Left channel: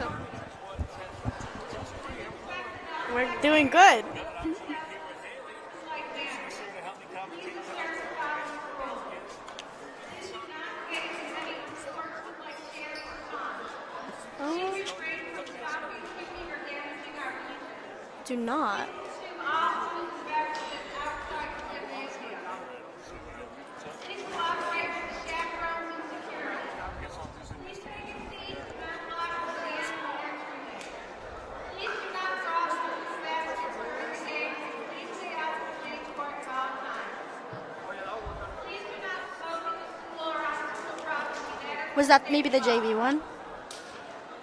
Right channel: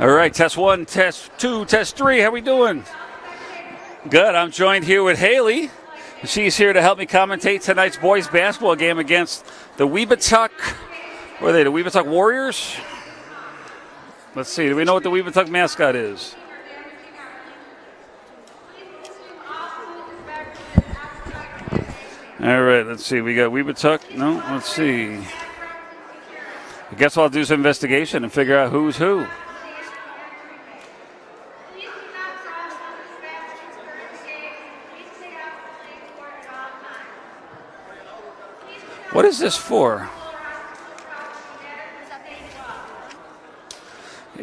All right, test 1, test 2, test 3. How we doing? We're doing good. Good. I'm joined here with Haley. She's here to help me commentate tonight's boys basketball game against the Webutuck. What are they, the Webutuck Warriors? Let's see. Do we know what the Webutuck mascot is? Do not. All right, let's see. We got Webutuck. No, let's see. I guess I'll do some investigation and figure out who's who. What is this for? Was that maybe the JV one?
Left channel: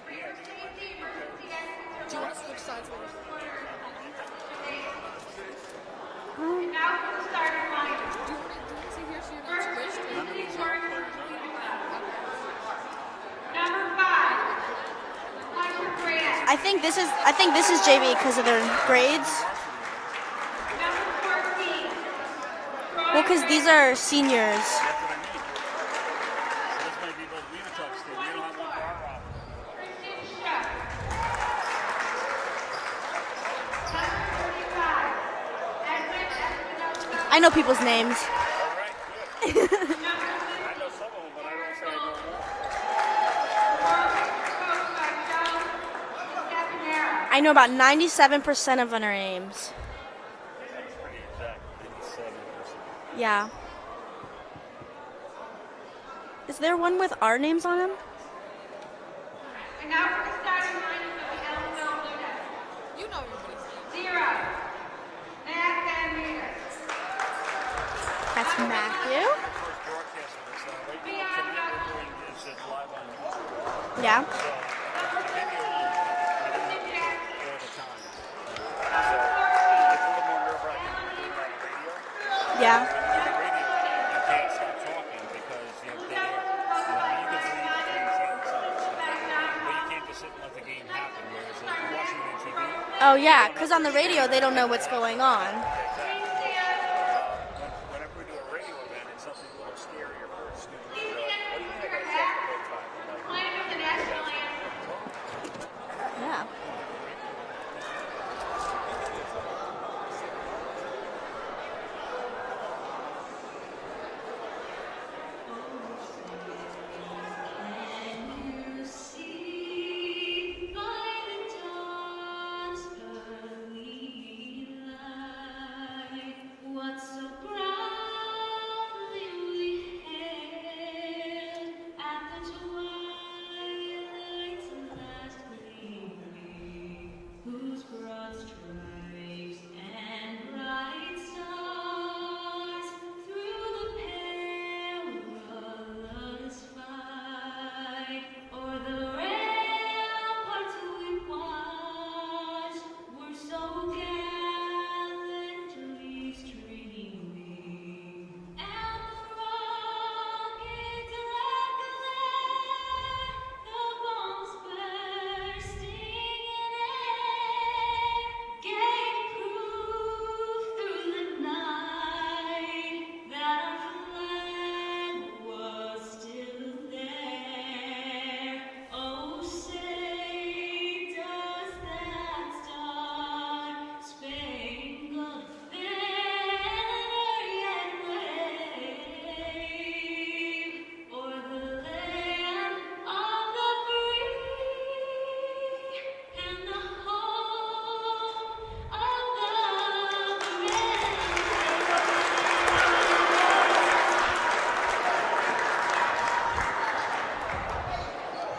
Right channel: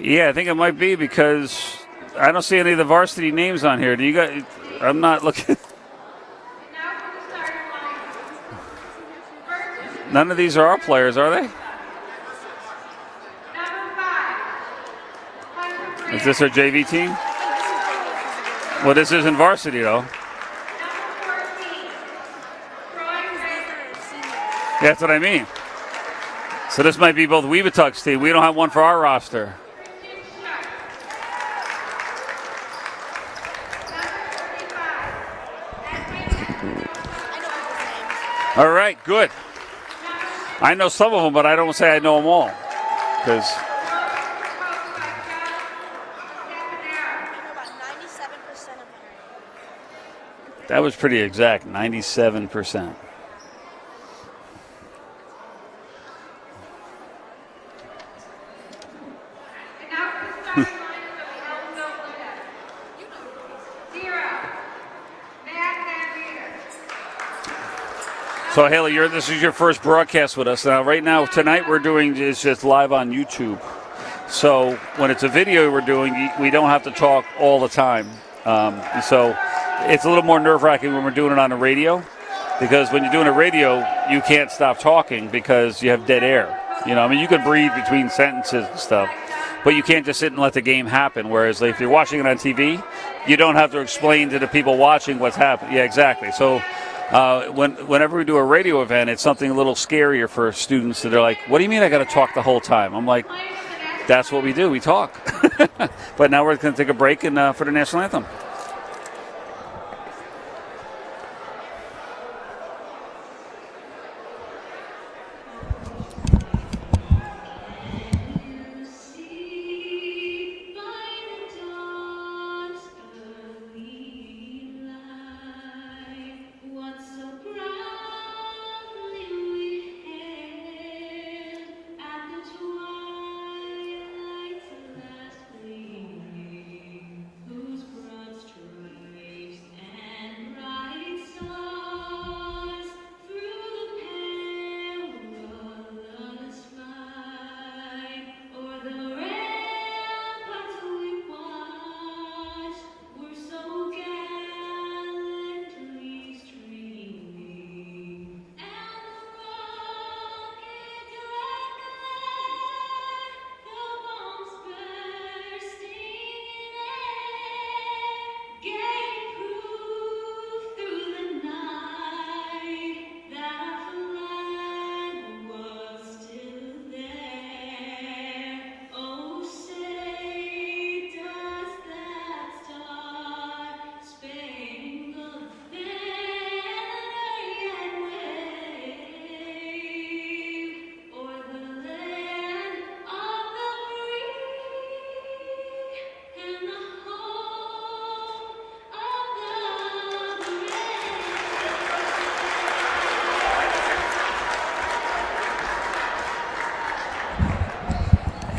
Yeah, I think it might be because I don't see any of the varsity names on here. Do you guys? I'm not looking. None of these are our players, are they? Is this our JV team? I think this is JV because of their Well, this isn't varsity, though. Well, because these are seniors. That's what I mean. So this might be both Webutuck's team. We don't have one for our roster. I know people's names. All right, good. I know some of them, but I don't say I know them all. Because I know about 97% of their names. that was pretty exact, 97%. Yeah. Is there one with our names on him? So Haley, this is your first broadcast with us. Now, right now, tonight we're doing is just live on YouTube. Yeah. So when it's a video we're doing, we don't have to talk all the time. So it's a little more nerve-wracking when we're doing it on the radio, because when you're doing a radio, you can't stop talking because you have dead air. You know, I mean, you can breathe between sentences and stuff, but you can't just sit and let the game happen. Whereas if you're watching it on TV, you don't have to explain to the people watching what's happening. Yeah, exactly. So whenever we do a radio event, it's something a little scarier for students that are like, what do you mean I got to talk the whole time? I'm like, that's what we do. We talk. But now we're going to take a break and for the national anthem.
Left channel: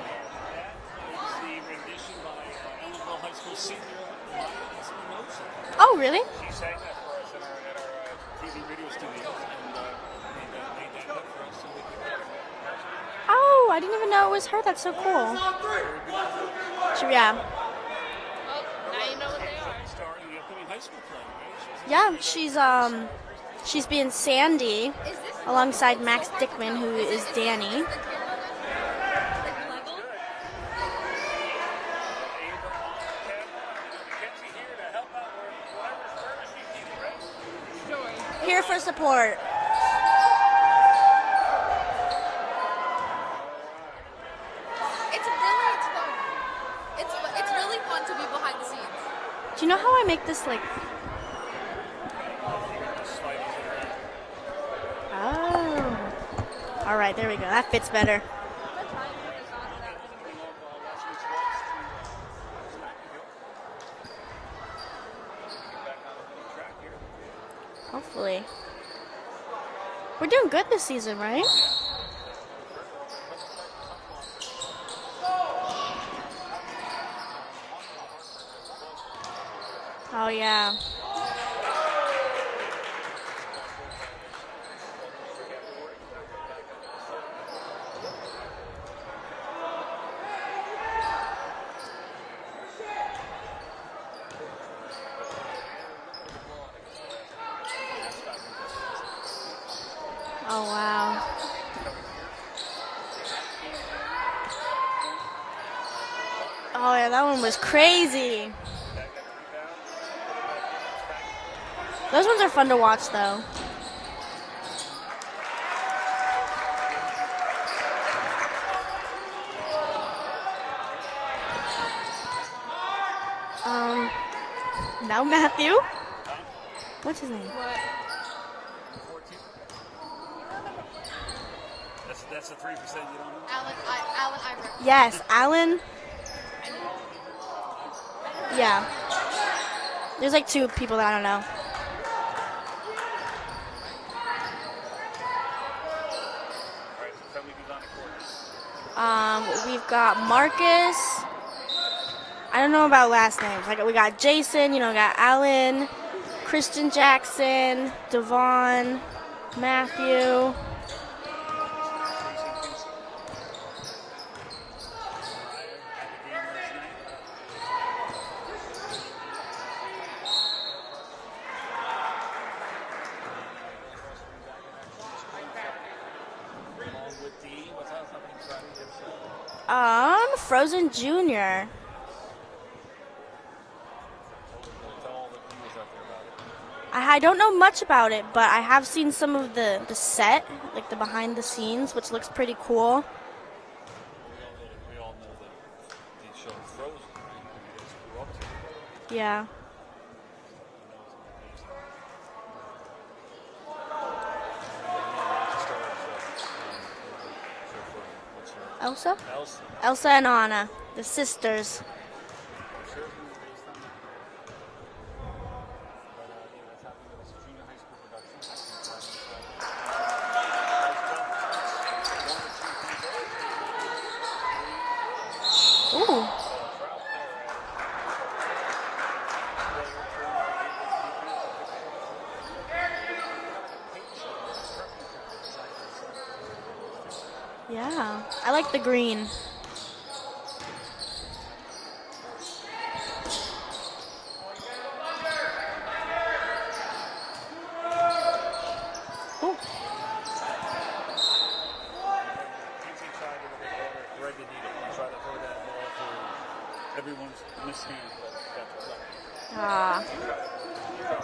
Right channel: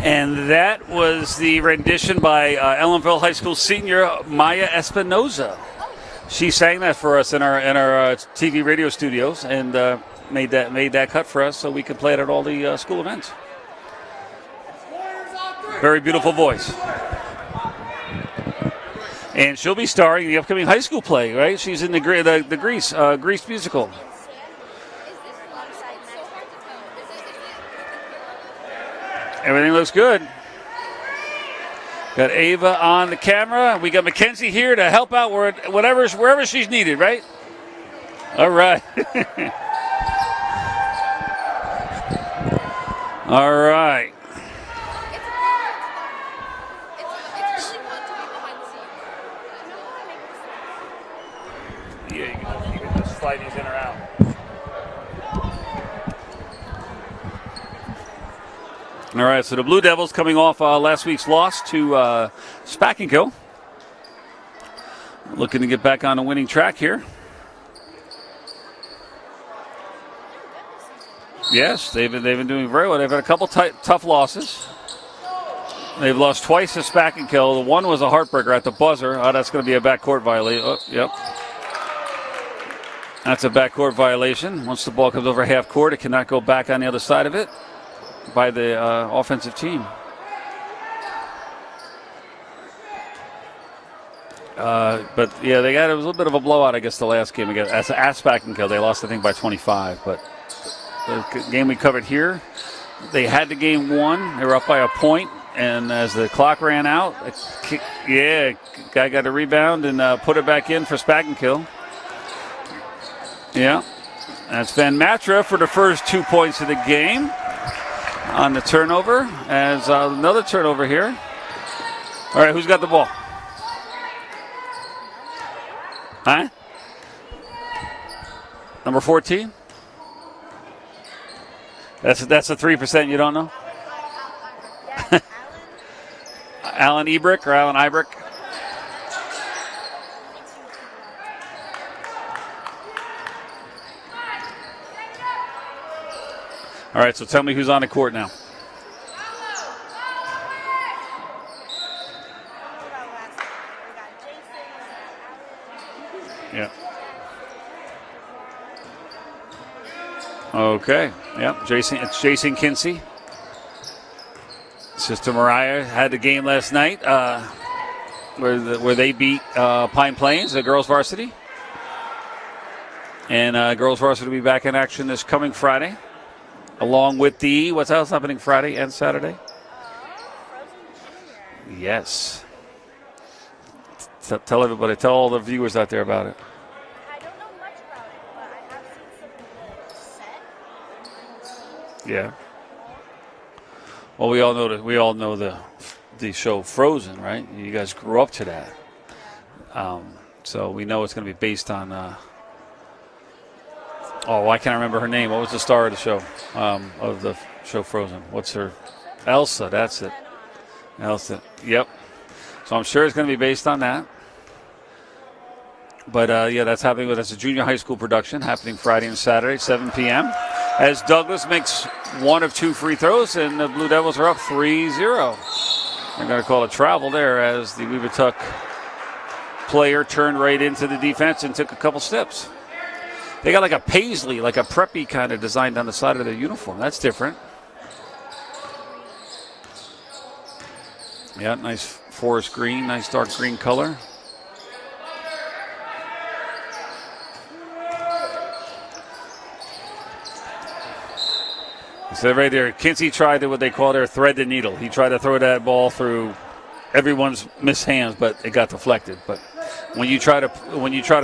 And that was the rendition by Ellenville High School senior Maya Espinoza. Oh, really? She sang that for us in our TV radio studios and made that cut for us so we could play it at all the school events. Oh, I didn't even know it was her. That's so cool. Very beautiful voice. Yeah. And she'll be starring in the upcoming high school play, right? She's in the Grease musical. She's being Sandy alongside Max Dickman, who is Danny. Everything looks good. Got Ava on the camera. We got Mackenzie here to help out wherever she's needed, right? All right. For support. All right. It's really fun to be behind the scenes. Do you know how I make this like? Yeah, you can just slide these in or out. Oh. All right, there we go. That fits better. All right, so the Blue Devils coming off last week's loss to Spackenkill. Looking to get back on a winning track here. Hopefully. We're doing good this season, right? Yes, they've been doing very well. They've had a couple tough losses. They've lost twice to Spackenkill. The one was a heartbreaker at the buzzer. Oh, that's going to be a backcourt violation. Yeah. Oh, yep. That's a backcourt violation. Once the ball comes over half court, it cannot go back on the other side of it by the offensive team. But yeah, it was a little bit of a blowout, I guess, the last game against Spackenkill. They lost, I think, by 25. But Oh wow. the game we covered here, they had the game won. They were up by a point, and as the clock ran out, that one was crazy. Yeah, guy got a rebound and put it back in for Spackenkill. Those ones are fun to watch, though. Yeah, that's Van Matra for the first 2 points of the game on the turnover. As another turnover here. All right, who's got the ball? Now Matthew. Huh? What's his name? Number 14. That's the 3% you don't know. Alan Iver. Yes, Alan. Alan Ebrick or Alan Ibrick? Yeah. There's like two people that I don't know. All right, so tell me who's on the court now. We've got Marcus. I don't know about last names. Like we got Jason. We got Alan, Christian Jackson, Devon, Matthew. Okay. Yep. It's Jason Kinsey. Sister Mariah had the game last night where they beat Pine Plains, the girls varsity. And girls varsity will be back in action this coming Friday, along with what's else happening Friday and Saturday? Frozen Junior. Yes. Tell everybody, tell all the viewers out there about it. I don't know much about it, but I have seen some of the set, like the behind the scenes, which looks pretty cool. Well, we all know the show Frozen, right? You guys grew up to that. Yeah. So we know it's going to be based on. I can't remember her name. What was the star of the show? Of the show Frozen? What's her? Elsa. Elsa. That's Elsa it. and Anna, the Elsa. sisters. Yep. So I'm sure it's going to be based on that. But that's happening. That's a junior high school production happening Friday and Saturday, 7 p.m. As Douglas makes one of two free throws, and the Blue Devils are up 3-0. They're going to call a travel there as the Webutuck player turned right into the defense and took a couple steps. They got like a paisley, like a preppy kind of design down the side of their uniform. That's different. Yeah, I like the green. Yeah, nice forest green, nice dark green color. So right there, Kinsey tried what they call their thread the needle. He tried to throw that ball through everyone's missed hands, but it got deflected. But when you try to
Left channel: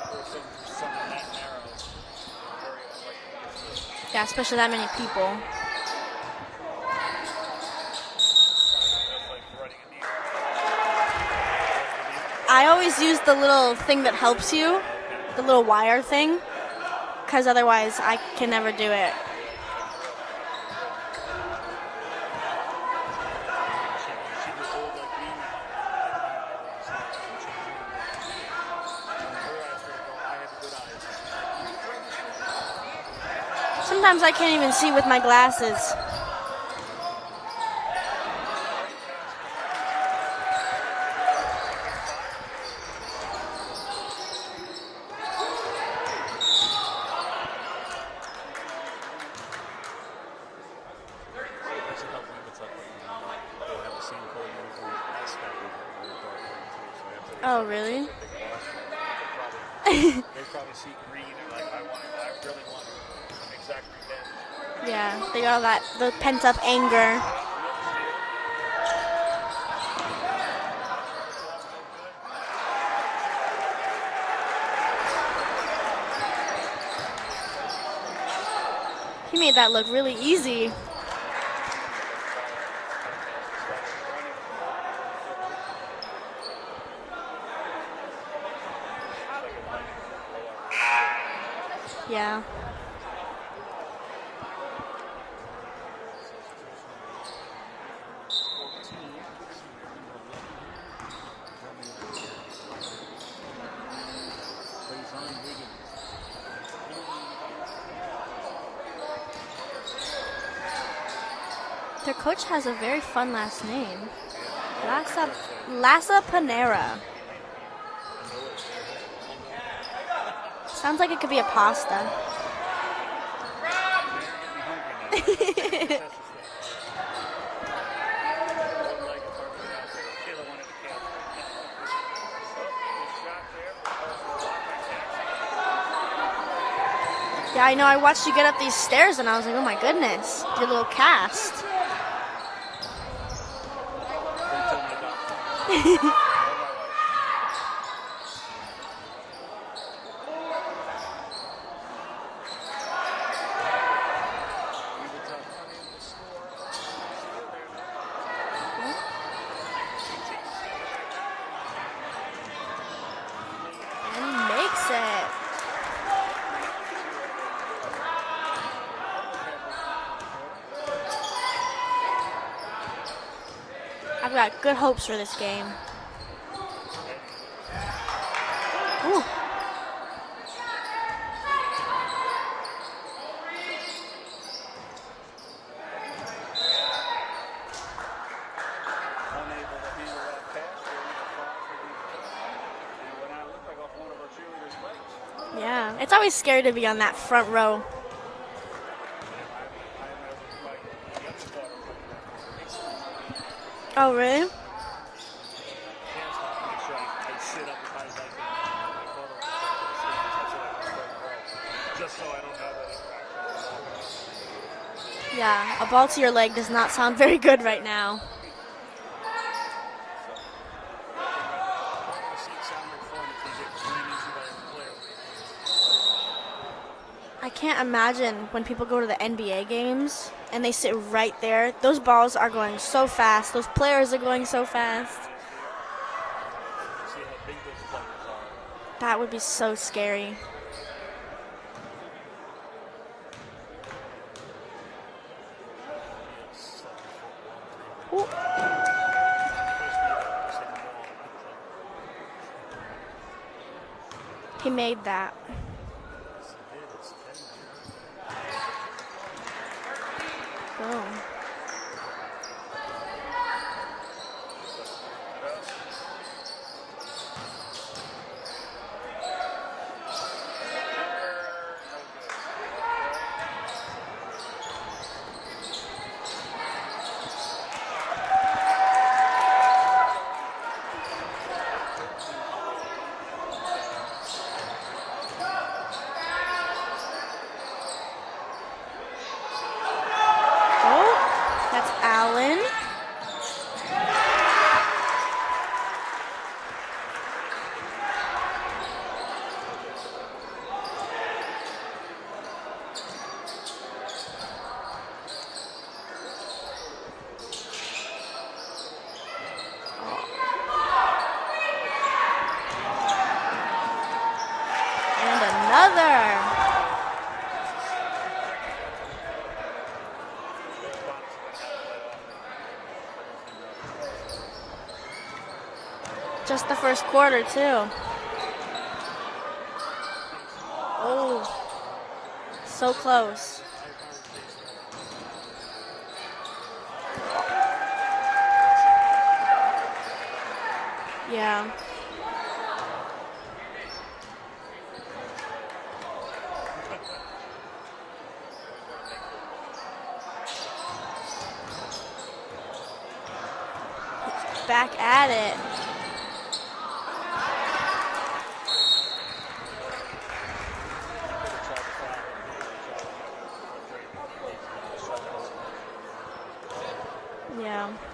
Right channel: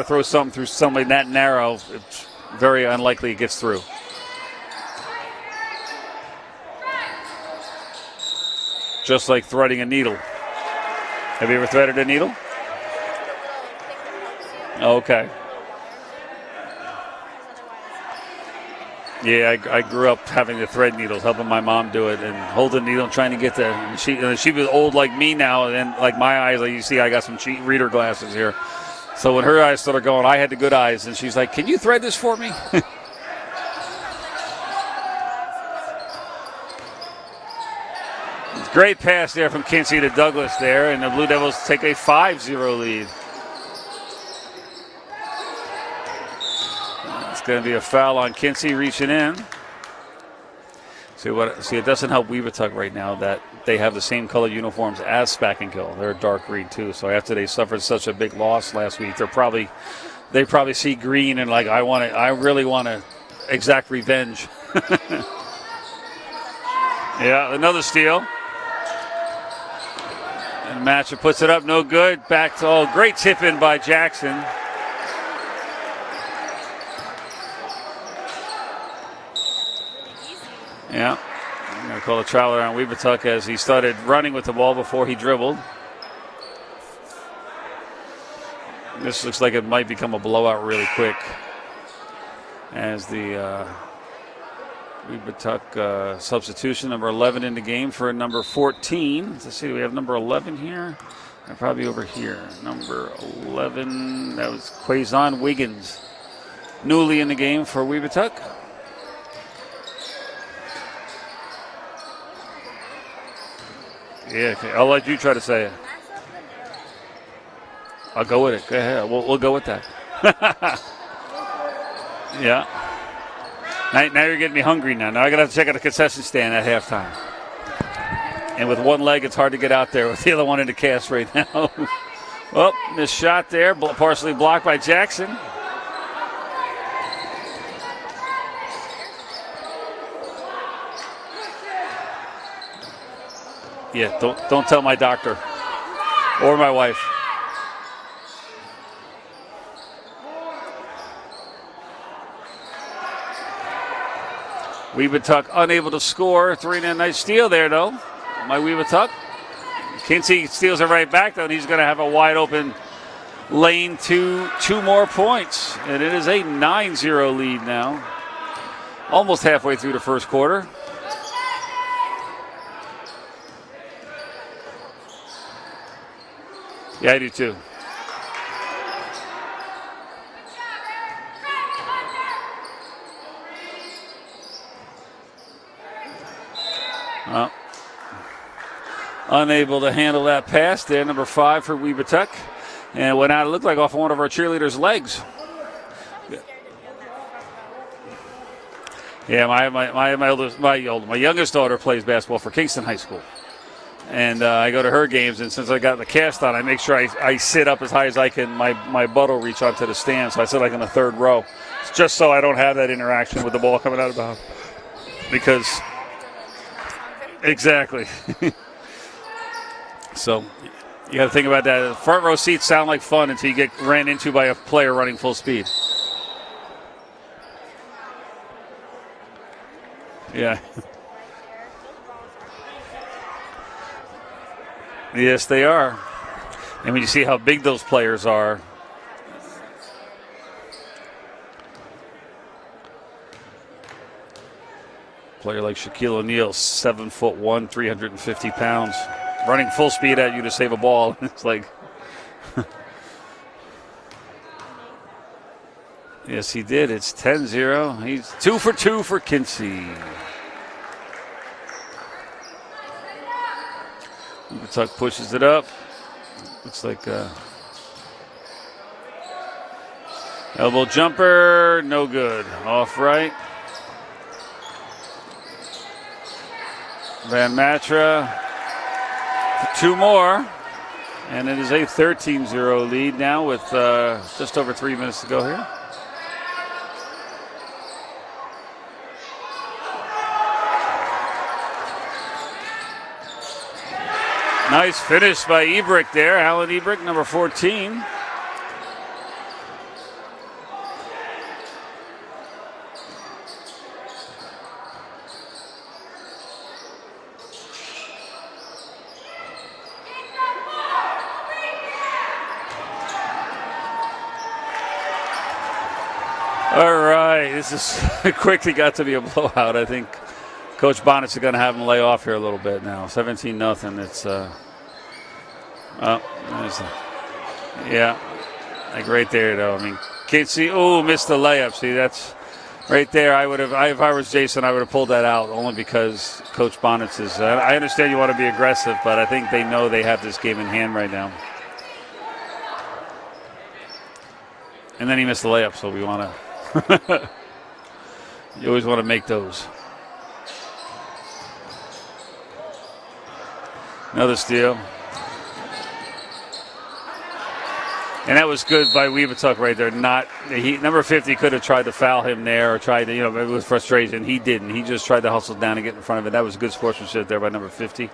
throw something through somebody that narrow, it's very unlikely it gets through. Yeah, especially that many people. Just like threading a needle. Have you ever threaded a needle? I always use the little thing that helps you. Okay. The little wire thing. Because otherwise I can never do it. Yeah, I grew up having the thread needles, helping my mom do it, and holding the needle and trying to get she was old like me now, and then like my eyes, like you see, I got some cheap reader glasses here. So when her eyes started going, I had the good eyes, and she's like, "Can you thread this for me?" Sometimes I can't even see with my glasses. Great pass there from Kinsey to Douglas there, and the Blue Devils take a 5-0 lead. It's going to be a foul on Kinsey reaching in. See, it doesn't help Webutuck right now that they have the same color uniforms as Spackenkill. They're dark green too. So after they suffered such a big loss last week, they probably see green and like I really want to exact revenge. Yeah, they got the pent up anger. Yeah, another steal. And Matcha puts it up, no good. Back to great tip in by Jackson. He made that look really easy. Yeah. I call a travel around Webutuck as he started running with the ball before he dribbled. This looks like it might become a blowout really quick. Yeah. As the Webutuck substitution, number 11 in the game for number 14. Let's see, we have number 11 here. They're probably over here. Number 11, that was Quazon Wiggins. Newly in the game for Webutuck. Their coach has a very fun last name. Yeah, okay. I'll let you try to say it. Lassa Panera. I'll go with it. Go ahead. We'll go with that. Sounds like it could be a pasta. Yeah. Now you're getting me hungry now. Now I gotta have to check out the concession stand at halftime. And with one leg, it's hard to get out there with the other one in the cast right now. Well, missed shot there, partially blocked by Jackson. Yeah, I know. I watched you get up these stairs, and I was like, oh my goodness, your little cast. Yeah, don't tell my doctor or my wife. Webutuck unable to score. 3-9 nice steal there, though. My Webutuck. Kinsey steals it right back, though, and he's going to have a wide open lane to 2 more points. And it is a 9-0 lead now. Almost halfway through the first quarter. I've got good hopes for this game. Yeah, I do too. Ooh. Well, unable to handle that pass there, number 5 for Webutuck. And it went out, it looked like off one of our cheerleaders' legs. Yeah, it's always scary to be on that front row. Yeah, my youngest daughter plays basketball for Kingston High School. Oh, really? And I go to her games, and since I got the cast on, I make sure I sit up as high as I can. My butt will reach onto the stand, so I sit like in the 3rd row, just so I don't have that interaction with the ball coming out of the house. Because yeah, a ball to your leg does not sound very good exactly. right now. So you got to think about that. Front row seats sound like fun until you get ran into by a player running full speed. I can't imagine when people go to the NBA games Yeah. and they sit right there. Those balls are going so fast. Those players are going so fast. Yes, they are. And when you see how big those players are, That would be so scary. player like Shaquille O'Neal, 7'1", 350 pounds, running full speed at you to save a ball. It's like, He made that. yes, he did. It's 10-0. He's 2 for 2 for Kinsey. Oh. Webutuck pushes it up. Looks like elbow jumper, no good. Off right. Van Matra, 2 more. And it is a 13-0 lead now with just over 3 minutes to go here. Oh, that's Allen. Nice finish by Ebrick there. Alan Ebrick, number 14. All right, this is quickly got to be a blowout. I think Coach Bonnet's going to have him lay off here a little bit now. 17-0. It's Just the first quarter, too. Yeah, like right there though. I mean, Kinsey, missed the layup. See, that's So right close. there. If I was Jason, I would have pulled that out only because Coach Bonnet's is. I understand you want to be aggressive, but I think they know they have this game in hand right now. Yeah. And then he missed the layup, so we want to. You always want to make those. Another steal. Back at it. And that was good by Webutuck right there. Number 50 could have tried to foul him there or tried to, with frustration. He didn't. He just tried to hustle down and get in front of it. That was good sportsmanship there by number 50.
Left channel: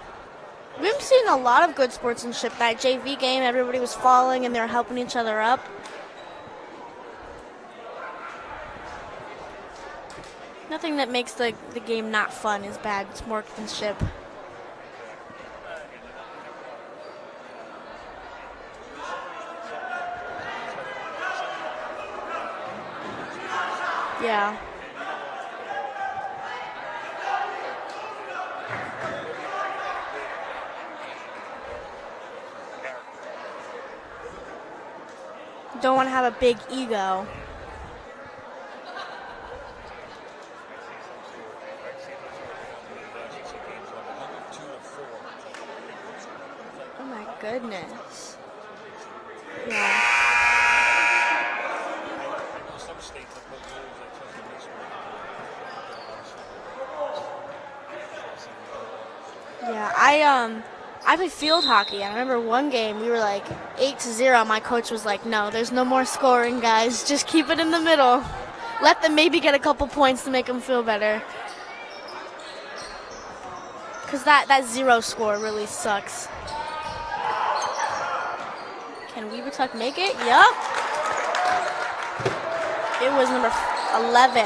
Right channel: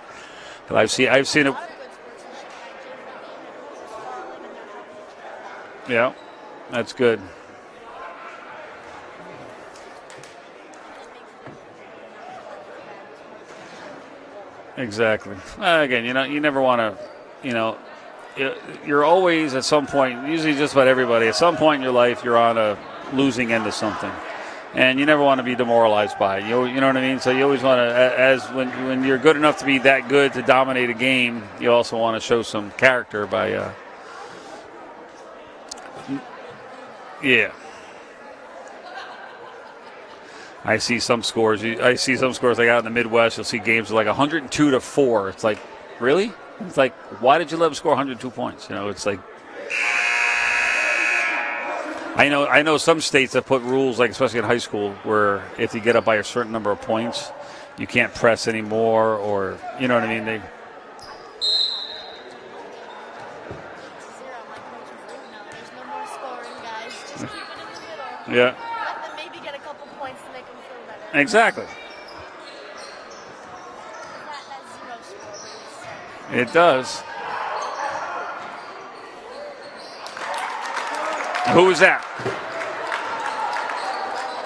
But I've seen a lot of good sportsmanship. That JV game, everybody was falling and they were helping each other up. Yeah, that's good. Nothing that makes the game not fun is bad sportsmanship. Exactly. Again, you never want to, you're always at some point, usually just about everybody, at some point in your life, you're on a losing end of something. Yeah. And you never want to be demoralized by it. You know what I mean? So you always want to, when you're good enough to be that good to dominate a game, you also want to show some character by. Don't want to have a big ego. Yeah. I see some scores like out in the Midwest. You'll see games like 102-4. It's like, really? It's like, why did you let them score 102 points? It's like. I know some states that put rules, like especially in high school, where if you get up by a certain number of points, you can't press anymore, or you know what I mean. I played field hockey. I remember one game we were like 8-0. My coach was like, "No, there's no more scoring, guys. Just keep it in the middle. Yeah. Let them maybe get a couple points to make them feel better." Exactly. Because that 0 score really sucks. It does. Can Webutuck make it? Yup. Who was that? It was number 11.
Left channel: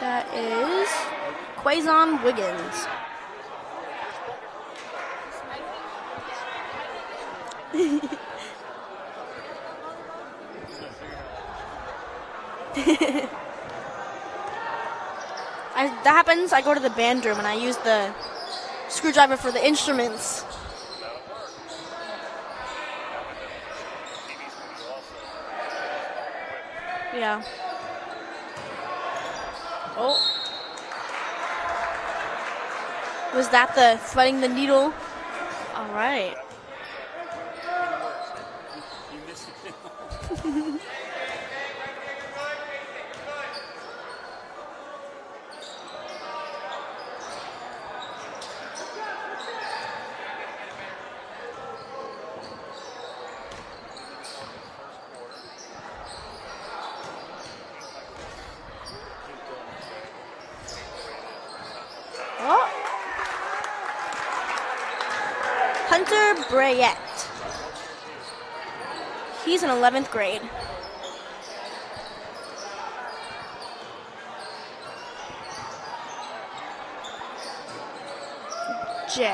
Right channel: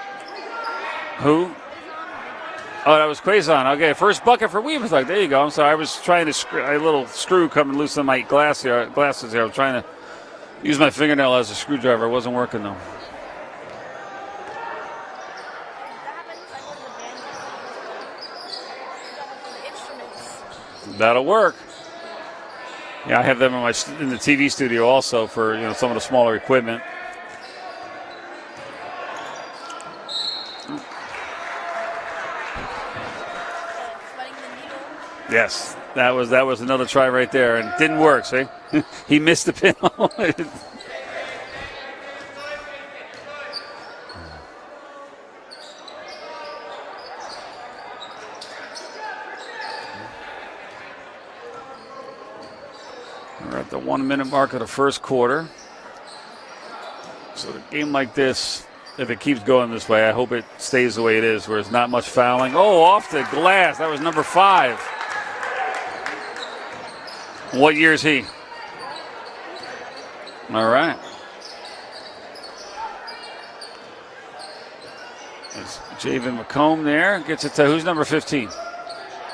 That is who? Quazon Wiggins. Oh, that was Quazon. Okay, first bucket for Webutuck. There you go. I'm sorry. I was trying to a little screw coming loose on my glasses here. I was trying to use my fingernail as a screwdriver. It wasn't working though. That happens. I go to the band room and I use the screwdriver for the instruments. That'll work. Yeah, I have them in the TV studio also for some of the smaller equipment. Yeah. Oh. Was that the threading the needle? Yes. Right. That was another try right there, and it didn't work. See, he missed the pinhole. We're at the 1 minute mark of the first quarter. So a game like this, if it keeps going this way, I hope it stays the way it is, where there's not much fouling. Oh, off the glass. That was number 5. Hunter Brayette. What year is he? He's in 11th grade. All right. It's Javen McComb there. Gets it to who's number 15? Jay.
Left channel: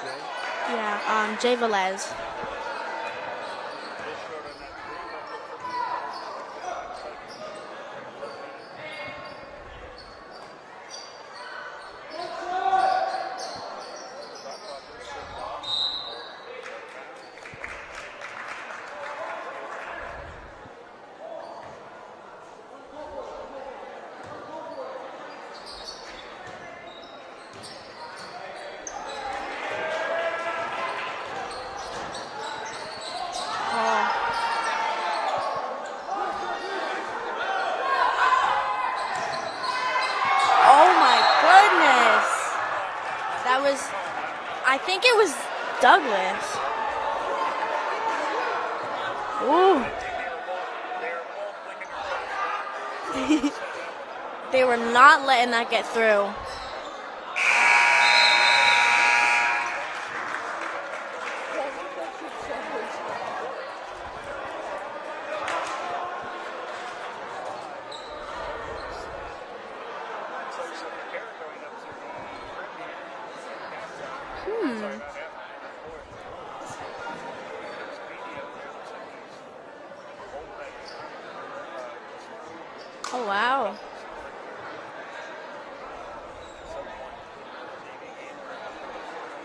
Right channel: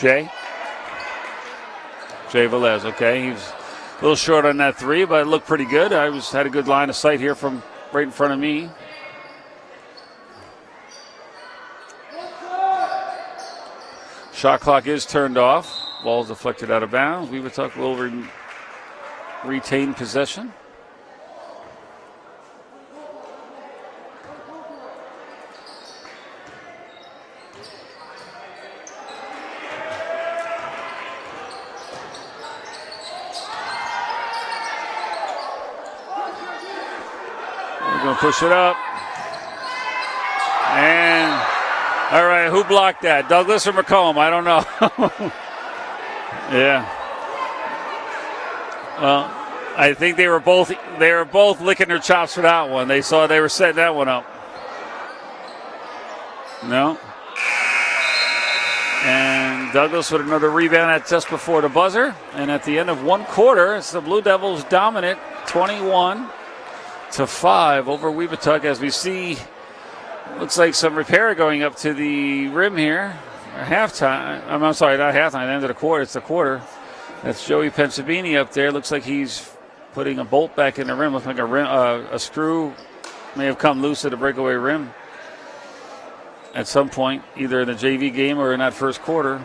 Jay? Yeah, Jay Velez. Jay Velez, okay. He's a little short on that 3, but it looked pretty good. Had a good line of sight here from right in front of me. Shot clock is turned off. Ball's deflected out of bounds. Webutuck will retain possession. Push it up. And all right, who blocked that? Douglas or McComb? I don't know. I think it was Douglas. Yeah. Well, ooh. I think they were both licking their chops for that one. They were setting that one up. They were not letting that get through. No. And Douglas with another rebound at just before the buzzer. And at the end of one quarter, it's the Blue Devils dominant, 21-5 over Webutuck, as we see. Looks like some repair going up to the rim here. Halftime. I'm sorry, not halftime. The end of the quarter. It's the quarter. That's Joey Pensabini up there. Looks like he's putting a bolt back in the rim. Looks like a screw may have come loose at the breakaway rim at some point, either in the JV game or in that first quarter.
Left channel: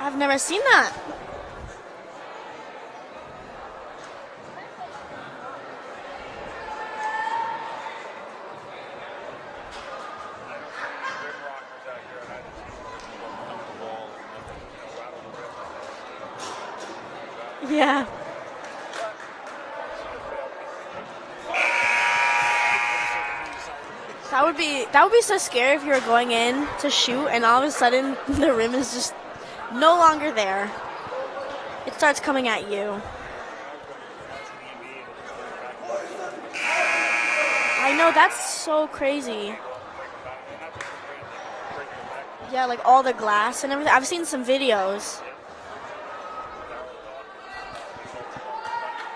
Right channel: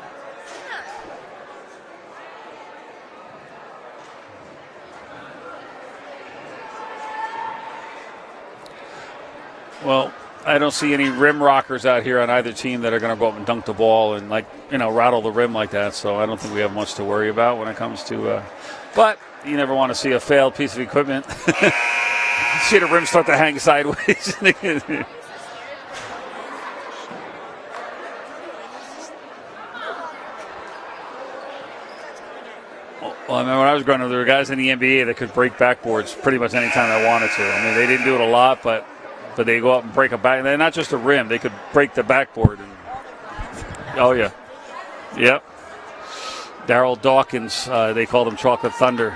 I've never seen that. Well, I don't see any rim rockers out here on either team that are going to go up and dunk the ball and rattle the rim like that. So I don't think we have much to worry about when it comes to. But you never want to see a failed piece of equipment. See the rim start to hang sideways. That would be so scary if you were going in to shoot and all of a sudden the rim is just no longer there. It starts coming at you. Well, I remember when I was growing up, there were guys in the NBA that could break backboards pretty much any time they wanted to. I mean, they didn't do it a lot, but they go up and break a back. And not just the rim, they could break the backboard. Yeah, like all the glass and everything. I've seen some videos. Yep. Darryl Dawkins, they called him Chocolate Thunder.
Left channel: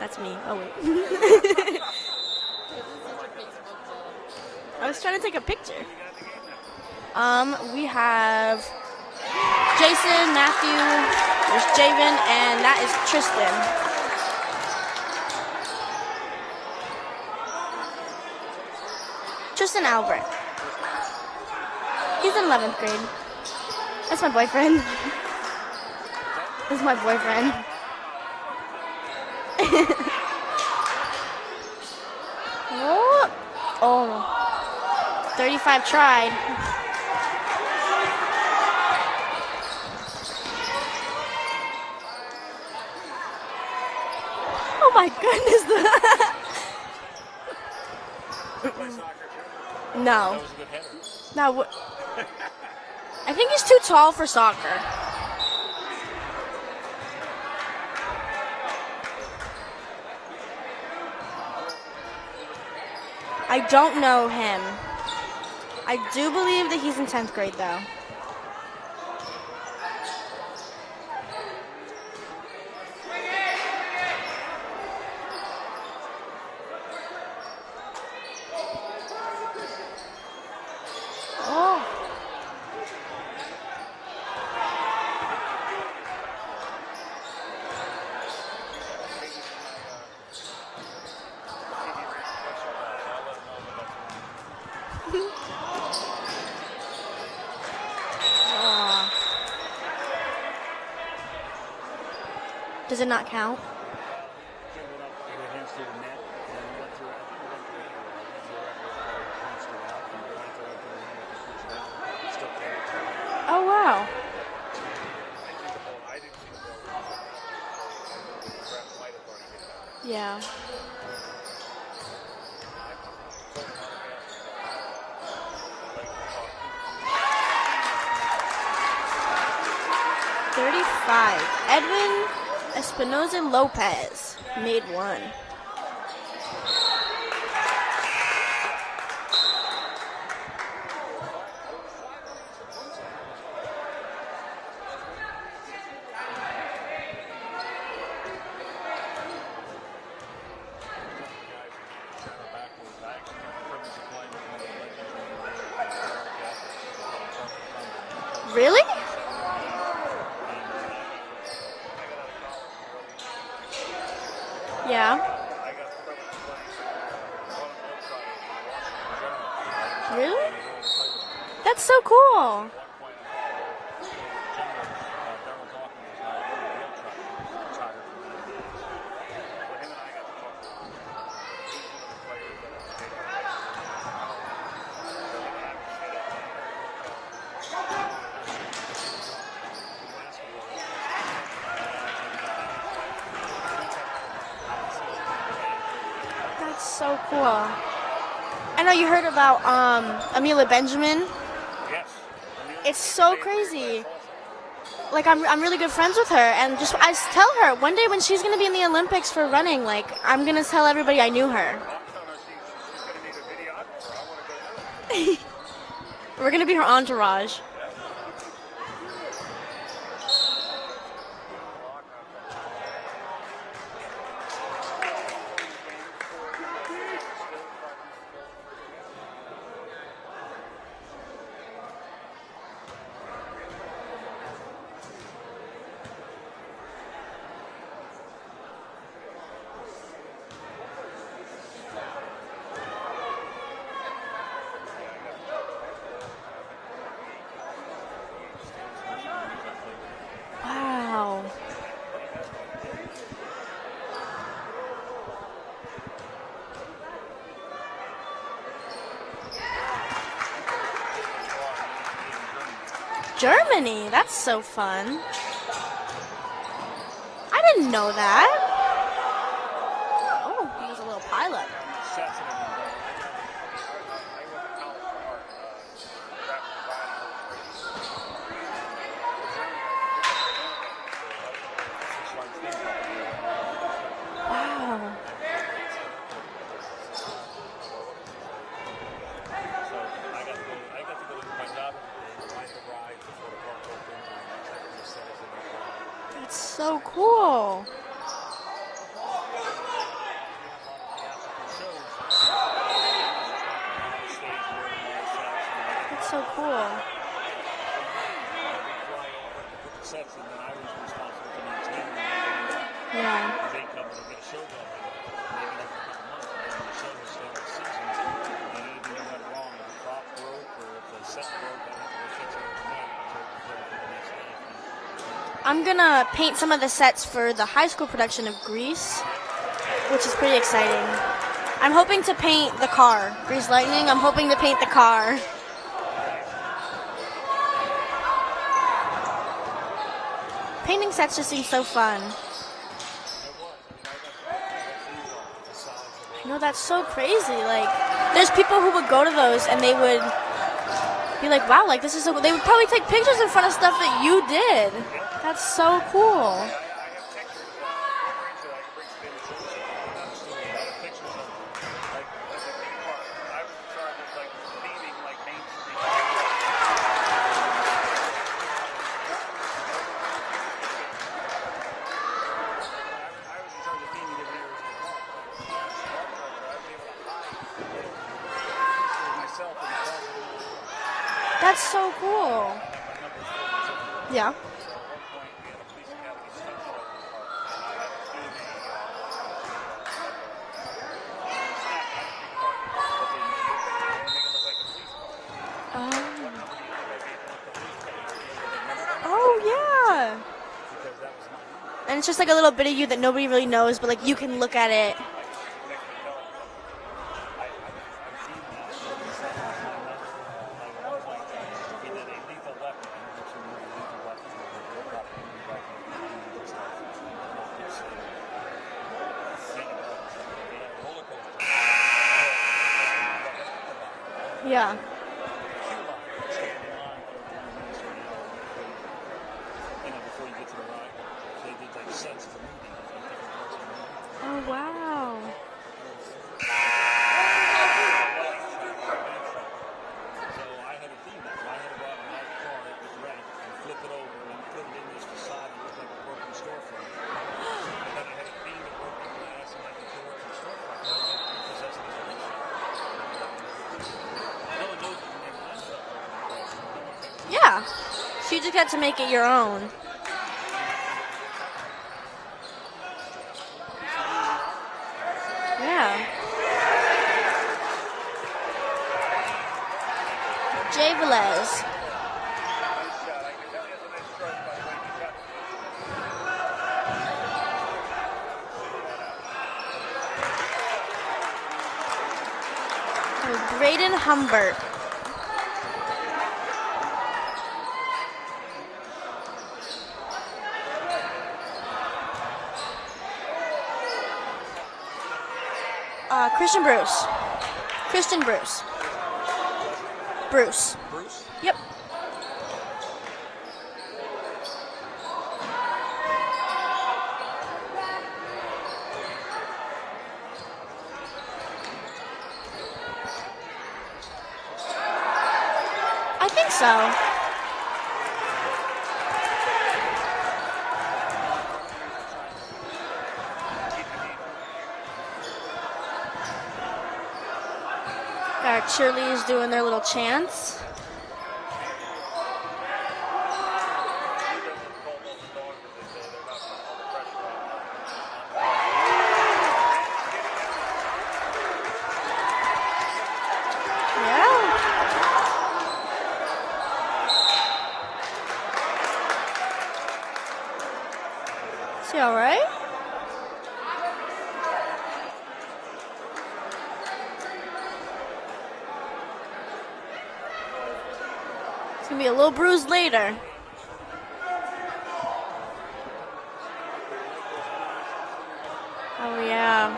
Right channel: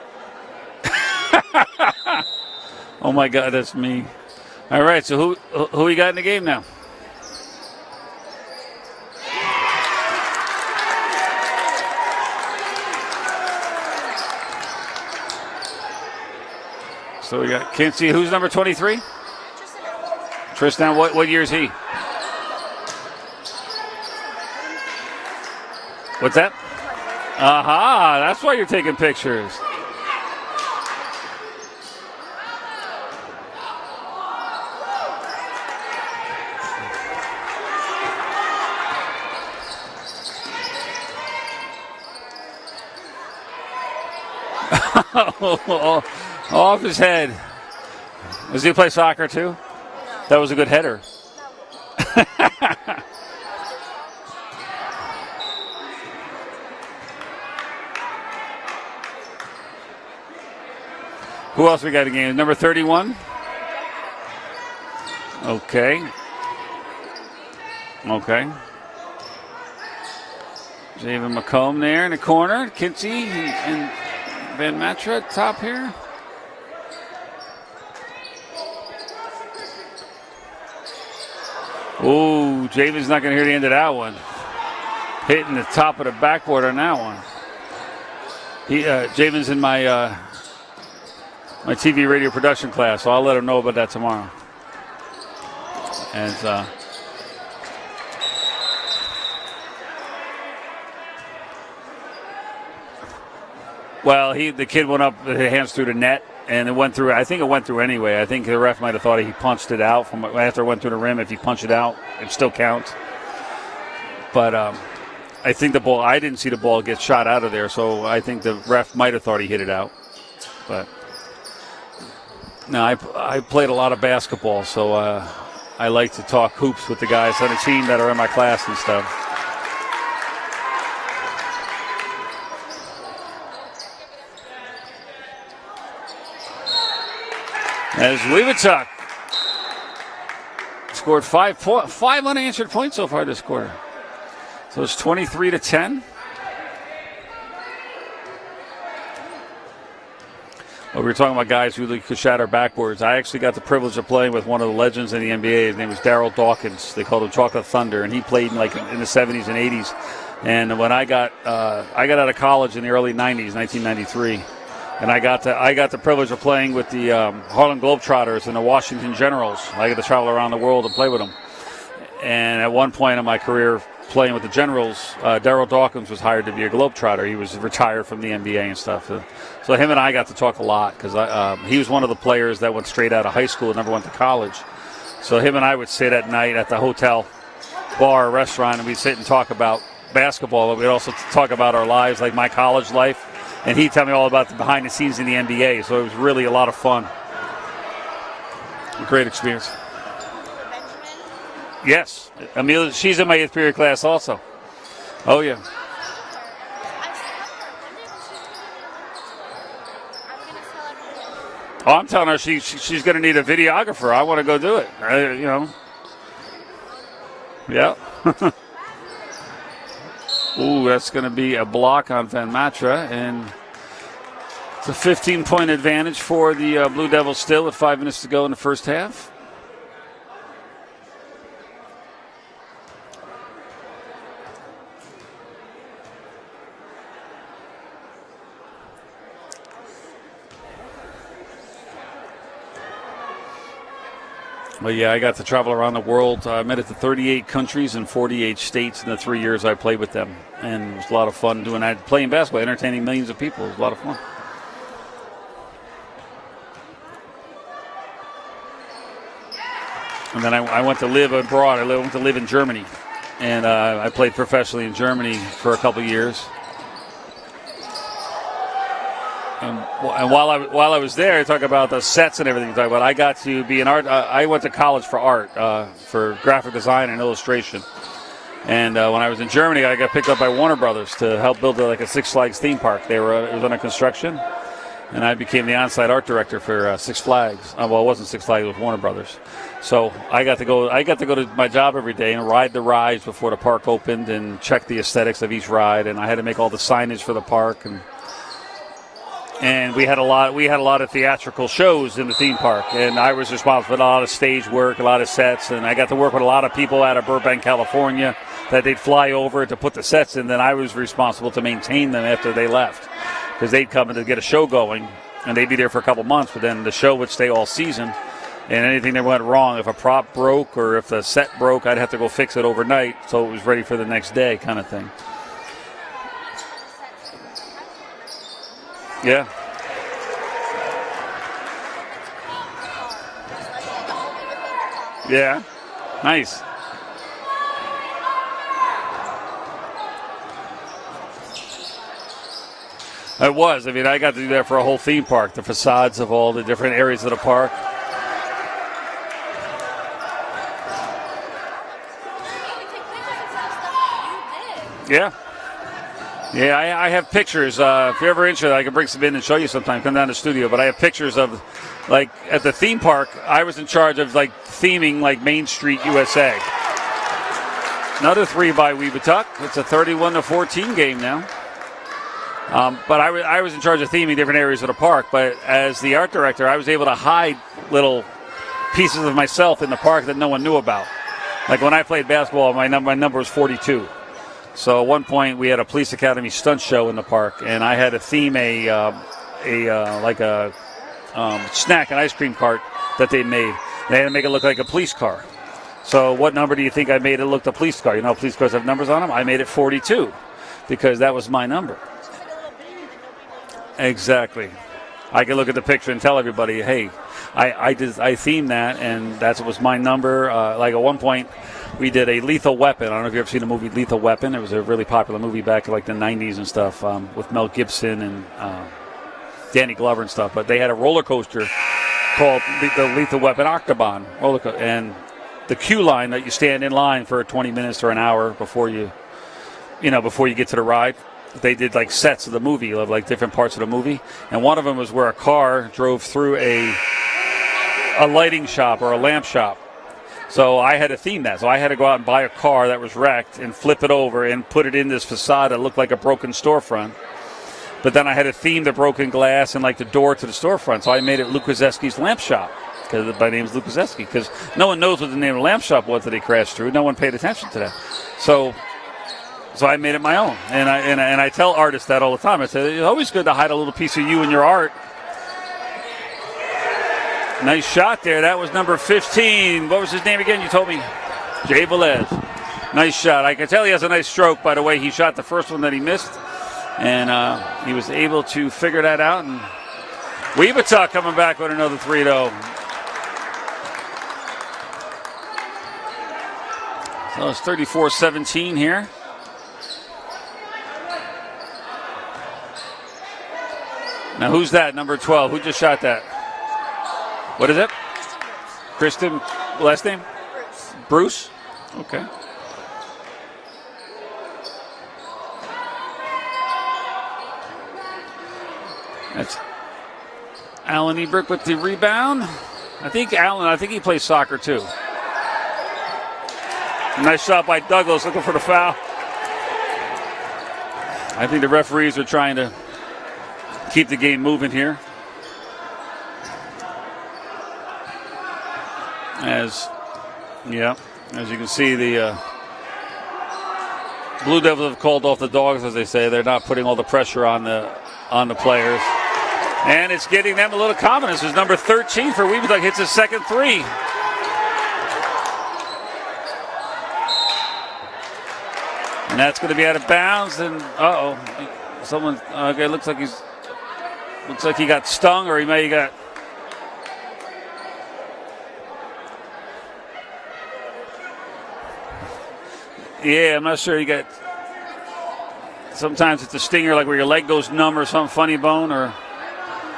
that's me. Oh. Oh my God, that's me. All right, so trying to take a picture. who we got in the game now? We have Jason, Matthew, there's Javen, and that is Tristan. So we got Kinsey. Who's number 23? Tristan Albert. Tristan. What year is he? He's in 11th grade. That's my boyfriend. What's that? He's my boyfriend. Aha! That's why you're taking pictures. Oh, 35 tried. Oh my goodness. Off his head. Does he play soccer too? No. That was a good header. No. I think he's too tall for soccer. Who else we got in the game? Number 31? I don't know him. Okay. I do believe that he's in 10th grade, though. Okay. Javen McComb there in the corner. Kinsey and Van Matra top here. Oh, Javen's not going to hear the end of that one. Hitting the top of the backboard on that one. Javen's in my my TV radio production class, so I'll let him know about that tomorrow. And does it not count? well, the kid went up, the hands through the net, and it went through. I think it went through anyway. I think the ref might have thought he punched it out from after it went through the rim. If he punched it out, it still counts. Oh wow! But I think the ball. I didn't see the ball get shot out of there, so I think the ref might have thought he hit it out. Yeah. But no, I played a lot of basketball, so I like to talk hoops with the guys on the team that are in my class and stuff. 35. Edwin Espinoza Lopez made one. As Webutuck scored 5 unanswered points so far this quarter. So it's 23-10. We were talking about guys who could shatter backboards. I actually got the privilege of playing with one of the legends in the NBA. His name was Daryl Dawkins. They called him Chocolate Thunder, and he played Really? like in the 70s and 80s. And when I got out of college in the early 90s, 1993, Yeah. and I got the privilege of playing with the Harlem Globetrotters and the Washington Generals. I got to travel around the world and play with them. That's so cool. And at one point in my career playing with the Generals, Daryl Dawkins was hired to be a Globetrotter. He was retired from the NBA and stuff. So him and I got to talk a lot because he was one of the players that went straight out of high school and never went to college. So him and I would sit at night at the hotel bar or restaurant, and we'd sit and talk about basketball, but we'd also talk about our lives, like my college life. And he'd tell me all about the behind the scenes in the NBA. So it was really a lot of fun. So cool. I know you Great heard about Amelia Benjamin. Yes. Amelia, It's she's so in my 8th period crazy. class also. Like, Oh, yeah. I'm really good friends with her, and I tell her one day when she's going to be in the Olympics for running, like, I'm going to tell everybody I knew her. Oh, I'm telling her she's going to need a videographer. I want to go do it. We're going to be her entourage. Yeah. Ooh, that's going to be a block on Van Matra, and it's a 15-point advantage for the Blue Devils still with 5 minutes to go in the first half. Well, yeah, I got to travel around the world. I made it to 38 countries and 48 states in the 3 years I played with them. And it was a lot of fun doing that, playing basketball, entertaining millions of people. It was a lot of fun. And then I went to live abroad. I went to live in Germany. Germany? And I played That's so professionally in fun. Germany for a couple years. I didn't know that. And while I was there, I talk about the sets and everything. Talk about I got to be an art. I went to college for art, for graphic design and illustration. And when I was in Germany, I got picked up by Warner Brothers to help build like a Six Flags theme park. It was under construction, and I became the on-site art director for Six Flags. Well, it wasn't Six Flags; it was Warner Brothers. So I got to go to my job every day and ride the rides before the park opened and check the aesthetics of each ride. And I had to make all the So signage for the cool. park. and we had a lot of theatrical shows in the theme park, and I was responsible for a lot of stage work, a lot of sets, and I got to work with a lot of people out of Burbank, California, that they'd fly over to put the sets in. Then I was responsible to maintain them after they left, because they'd come in to get a show going, and they'd be there for a couple months, but then the show would stay all season. And anything that went wrong, if a prop broke or if the set broke, I'd have to go fix it overnight so it was ready for the next day, kind of thing. I'm going to paint some of the sets for the high school production of Grease. Yeah. Which is pretty exciting. I'm hoping to paint the car. Grease Lightning, I'm hoping to paint the car. Yeah. Nice. Painting sets just seems so fun. It was. I mean, I got to do that for a whole theme park, the facades of all the That's different so areas of the crazy. park. There's people who would go to those and they would be like, wow, like this is so. They would probably take pictures in front of stuff that you did. Yeah. That's so cool. Yeah, I have pictures. If you're ever interested, I can bring some in and show you sometime. Come down to the studio. But I have pictures of, like, at the theme park, I was in charge of, like, theming, like, Main Street, USA. Another 3 by Webutuck. It's a 31-14 game now. But I was in charge of theming different areas of the park. But as the art director, I was able to hide little pieces of myself in the park that no one knew about. That's like when I so played cool. basketball, my number was 42. Yeah. So at one point we had a police academy stunt show in the park, and I had to theme a snack, an ice cream cart that they made. They had to make it look like a police car. So what number do you think I made it look the police car? You know, police cars have numbers on them. I made it 42 because that was my number. And it's just like a little bit of you that nobody really knows, but Exactly. like you can look at it. I can look at the picture and tell everybody, hey, I themed that, and that was my number. Like at one point, we did a Lethal Weapon. I don't know if you've ever seen the movie Lethal Weapon. It was a really popular movie back in like the 90s and stuff with Mel Gibson and Danny Glover and stuff. But they had a roller coaster called the Lethal Weapon Octobahn roller coaster. Yeah. And the queue line that you stand in line for 20 minutes or an hour before you get to the ride. They did like sets of the movie, of like different parts of the movie. And one of them was where a car drove through a lighting shop or a lamp shop. So I had to theme that. So I had to go out and buy a car that was wrecked and flip it over and put it in this facade that looked like a broken storefront. But then I had to theme the broken glass and like the door to the storefront. So I made it Lukaseski's Lamp Shop. Because my name is Lukaseski. Because no one knows what the name of the lamp shop was that they crashed through. No one paid attention to that. So you got to make it your own. So I made it my own. And I tell artists that all the time. I say, it's always good to hide a little piece of you in your art. Yeah. Nice shot there. That was number 15. What was his name again? You told me. Jay Velez. Jay Velez. Nice shot. I can tell he has a nice stroke, by the way. He shot the first one that he missed. And he was able to figure that out. And Webutuck coming back with another 3-0. Braden Humbert. So it's 34-17 here. Now who's that, number 12? Who just shot that? Christian Bruce. What is it? Christian Bruce. Kristen, last name? Bruce. Bruce? Yep. Okay. That's Alan Ebrick with the rebound. I think he plays soccer too. I think so. Nice shot by Douglas looking for the foul. I think the referees are trying to keep the game moving here. Our cheerleaders doing their little chants. Yeah, as you can see, the Blue Devils have called off the dogs, as they say. They're not putting all the pressure on the players. And it's getting them a little confidence. It's number 13 for Webutuck. Hits his second 3. And that's going to be out of bounds. And someone. Right? Okay, looks like he got stung, or he may have got. It's gonna be a little bruised later. Yeah, I'm not sure. He got. Sometimes it's a stinger, like where your leg goes numb or some funny bone, or. Oh yeah.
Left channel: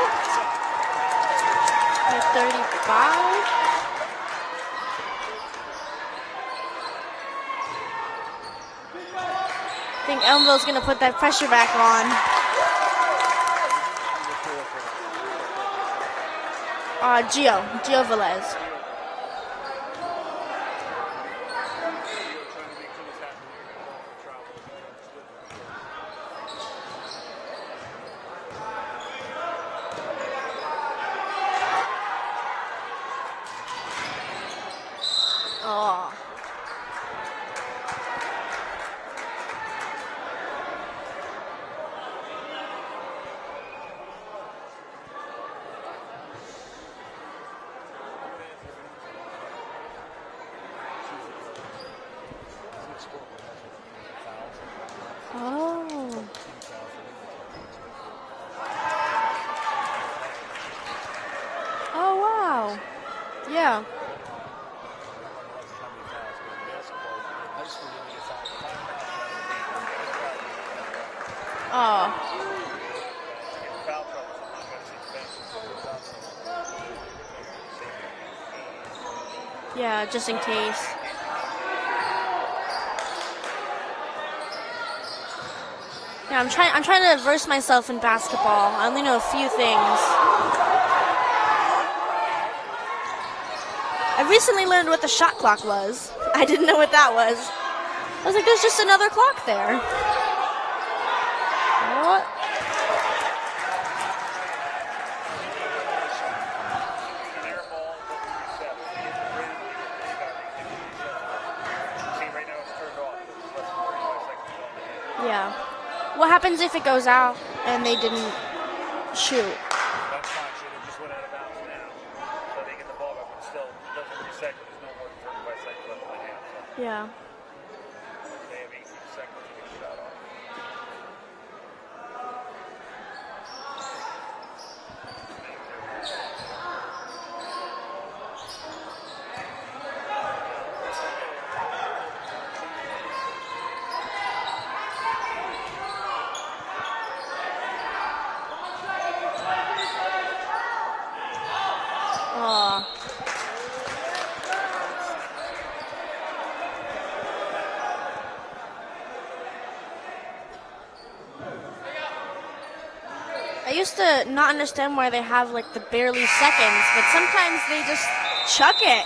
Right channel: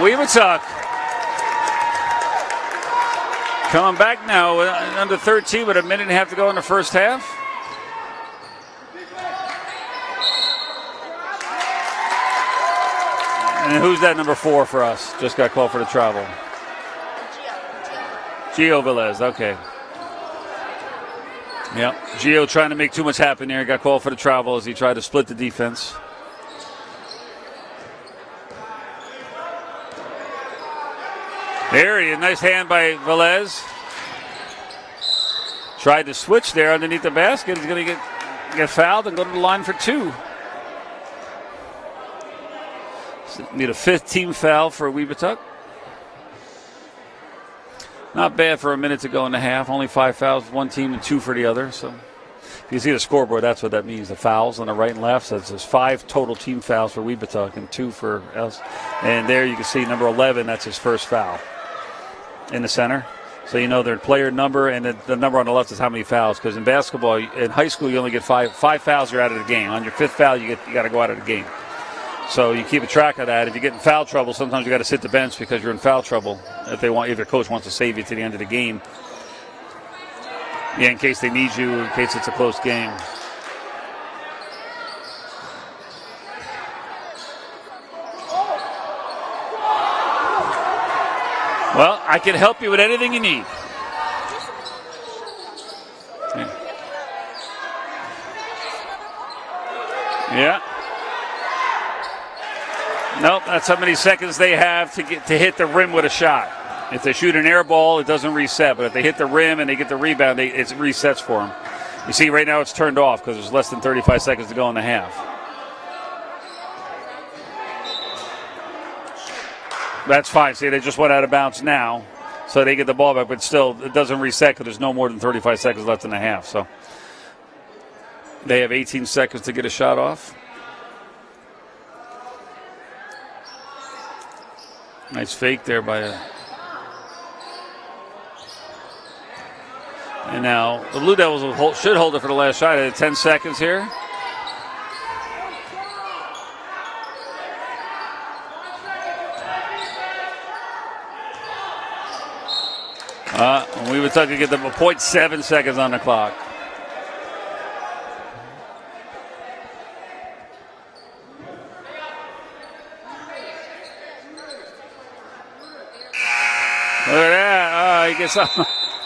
Webutuck 35. coming back now, under 13 with a minute and a half to go in the first half. I think Ellenville's going to put that pressure back on. And who's that number 4 for us? Just got called for the travel. Gio Velez. Gio Velez, okay. Yep, Gio trying to make too much happen there. He got called for the travel as he tried to split the defense. There he is, nice hand by Velez. Tried to switch there underneath the basket. He's going to get fouled and go to the line for 2. Need a 5th team foul for Webutuck. Not bad for a minute to go in the half. Only 5 fouls, 1 team and 2 for the other. So you see the scoreboard. That's what that means. The fouls on the right and left. So there's 5 total team fouls for Webutuck and 2 for us. And there you can see number 11. That's his first foul. Oh wow! In the center. So you know their player number, and the number on the left is how many fouls. Because in basketball, in high school, you only get 5 fouls. You're out of the game. On your 5th foul, you got to go out of the game. Oh. So you keep a track of that. If you get in foul trouble, sometimes you got to sit the bench because you're in foul trouble. If your coach wants to save you to the end of the game. Yeah, just in case. Yeah, in case they need you, in case it's a close game. Yeah, I'm trying to verse myself in basketball. I only know a few things. Well, I can help you with anything you need. I recently learned what the shot clock was. I didn't know what that was. I was like, there's just another clock there. Yeah. What? Nope, that's how many seconds they have to hit the rim with a shot. If they shoot an air ball, it doesn't reset. But if they hit the rim and they get the rebound, it resets for them. You see, right now it's turned off because there's less than 35 seconds to go in the half. Yeah. What happens if it goes out and they didn't shoot? That's fine. See, they just went out of bounds now, so they get the ball back. But still, it doesn't reset because there's no more than 35 seconds left in the half. So yeah. They have 18 seconds to get a shot off. Nice fake there by a... And now the Blue Devils should hold it for the last shot. 10 seconds here. Webutuck to get them 0.7 seconds on the clock. I used to not understand why they have like the barely seconds, but Look at that. sometimes they just chuck it.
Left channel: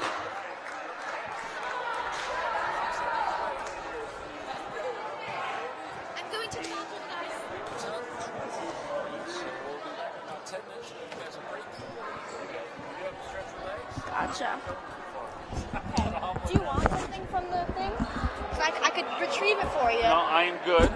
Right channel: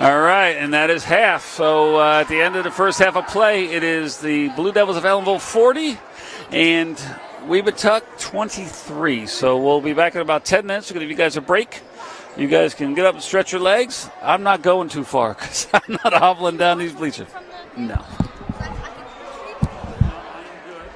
All right, and that is half. So at the end of the first half of play, it is the Blue Devils of Ellenville 40 and Webutuck 23. So we'll be back in about 10 minutes. We're going to give you guys a break. You guys can get up and stretch your legs. I'm not going too far because I'm not hobbling down these bleachers. No. I could retrieve it for you. No, I am good.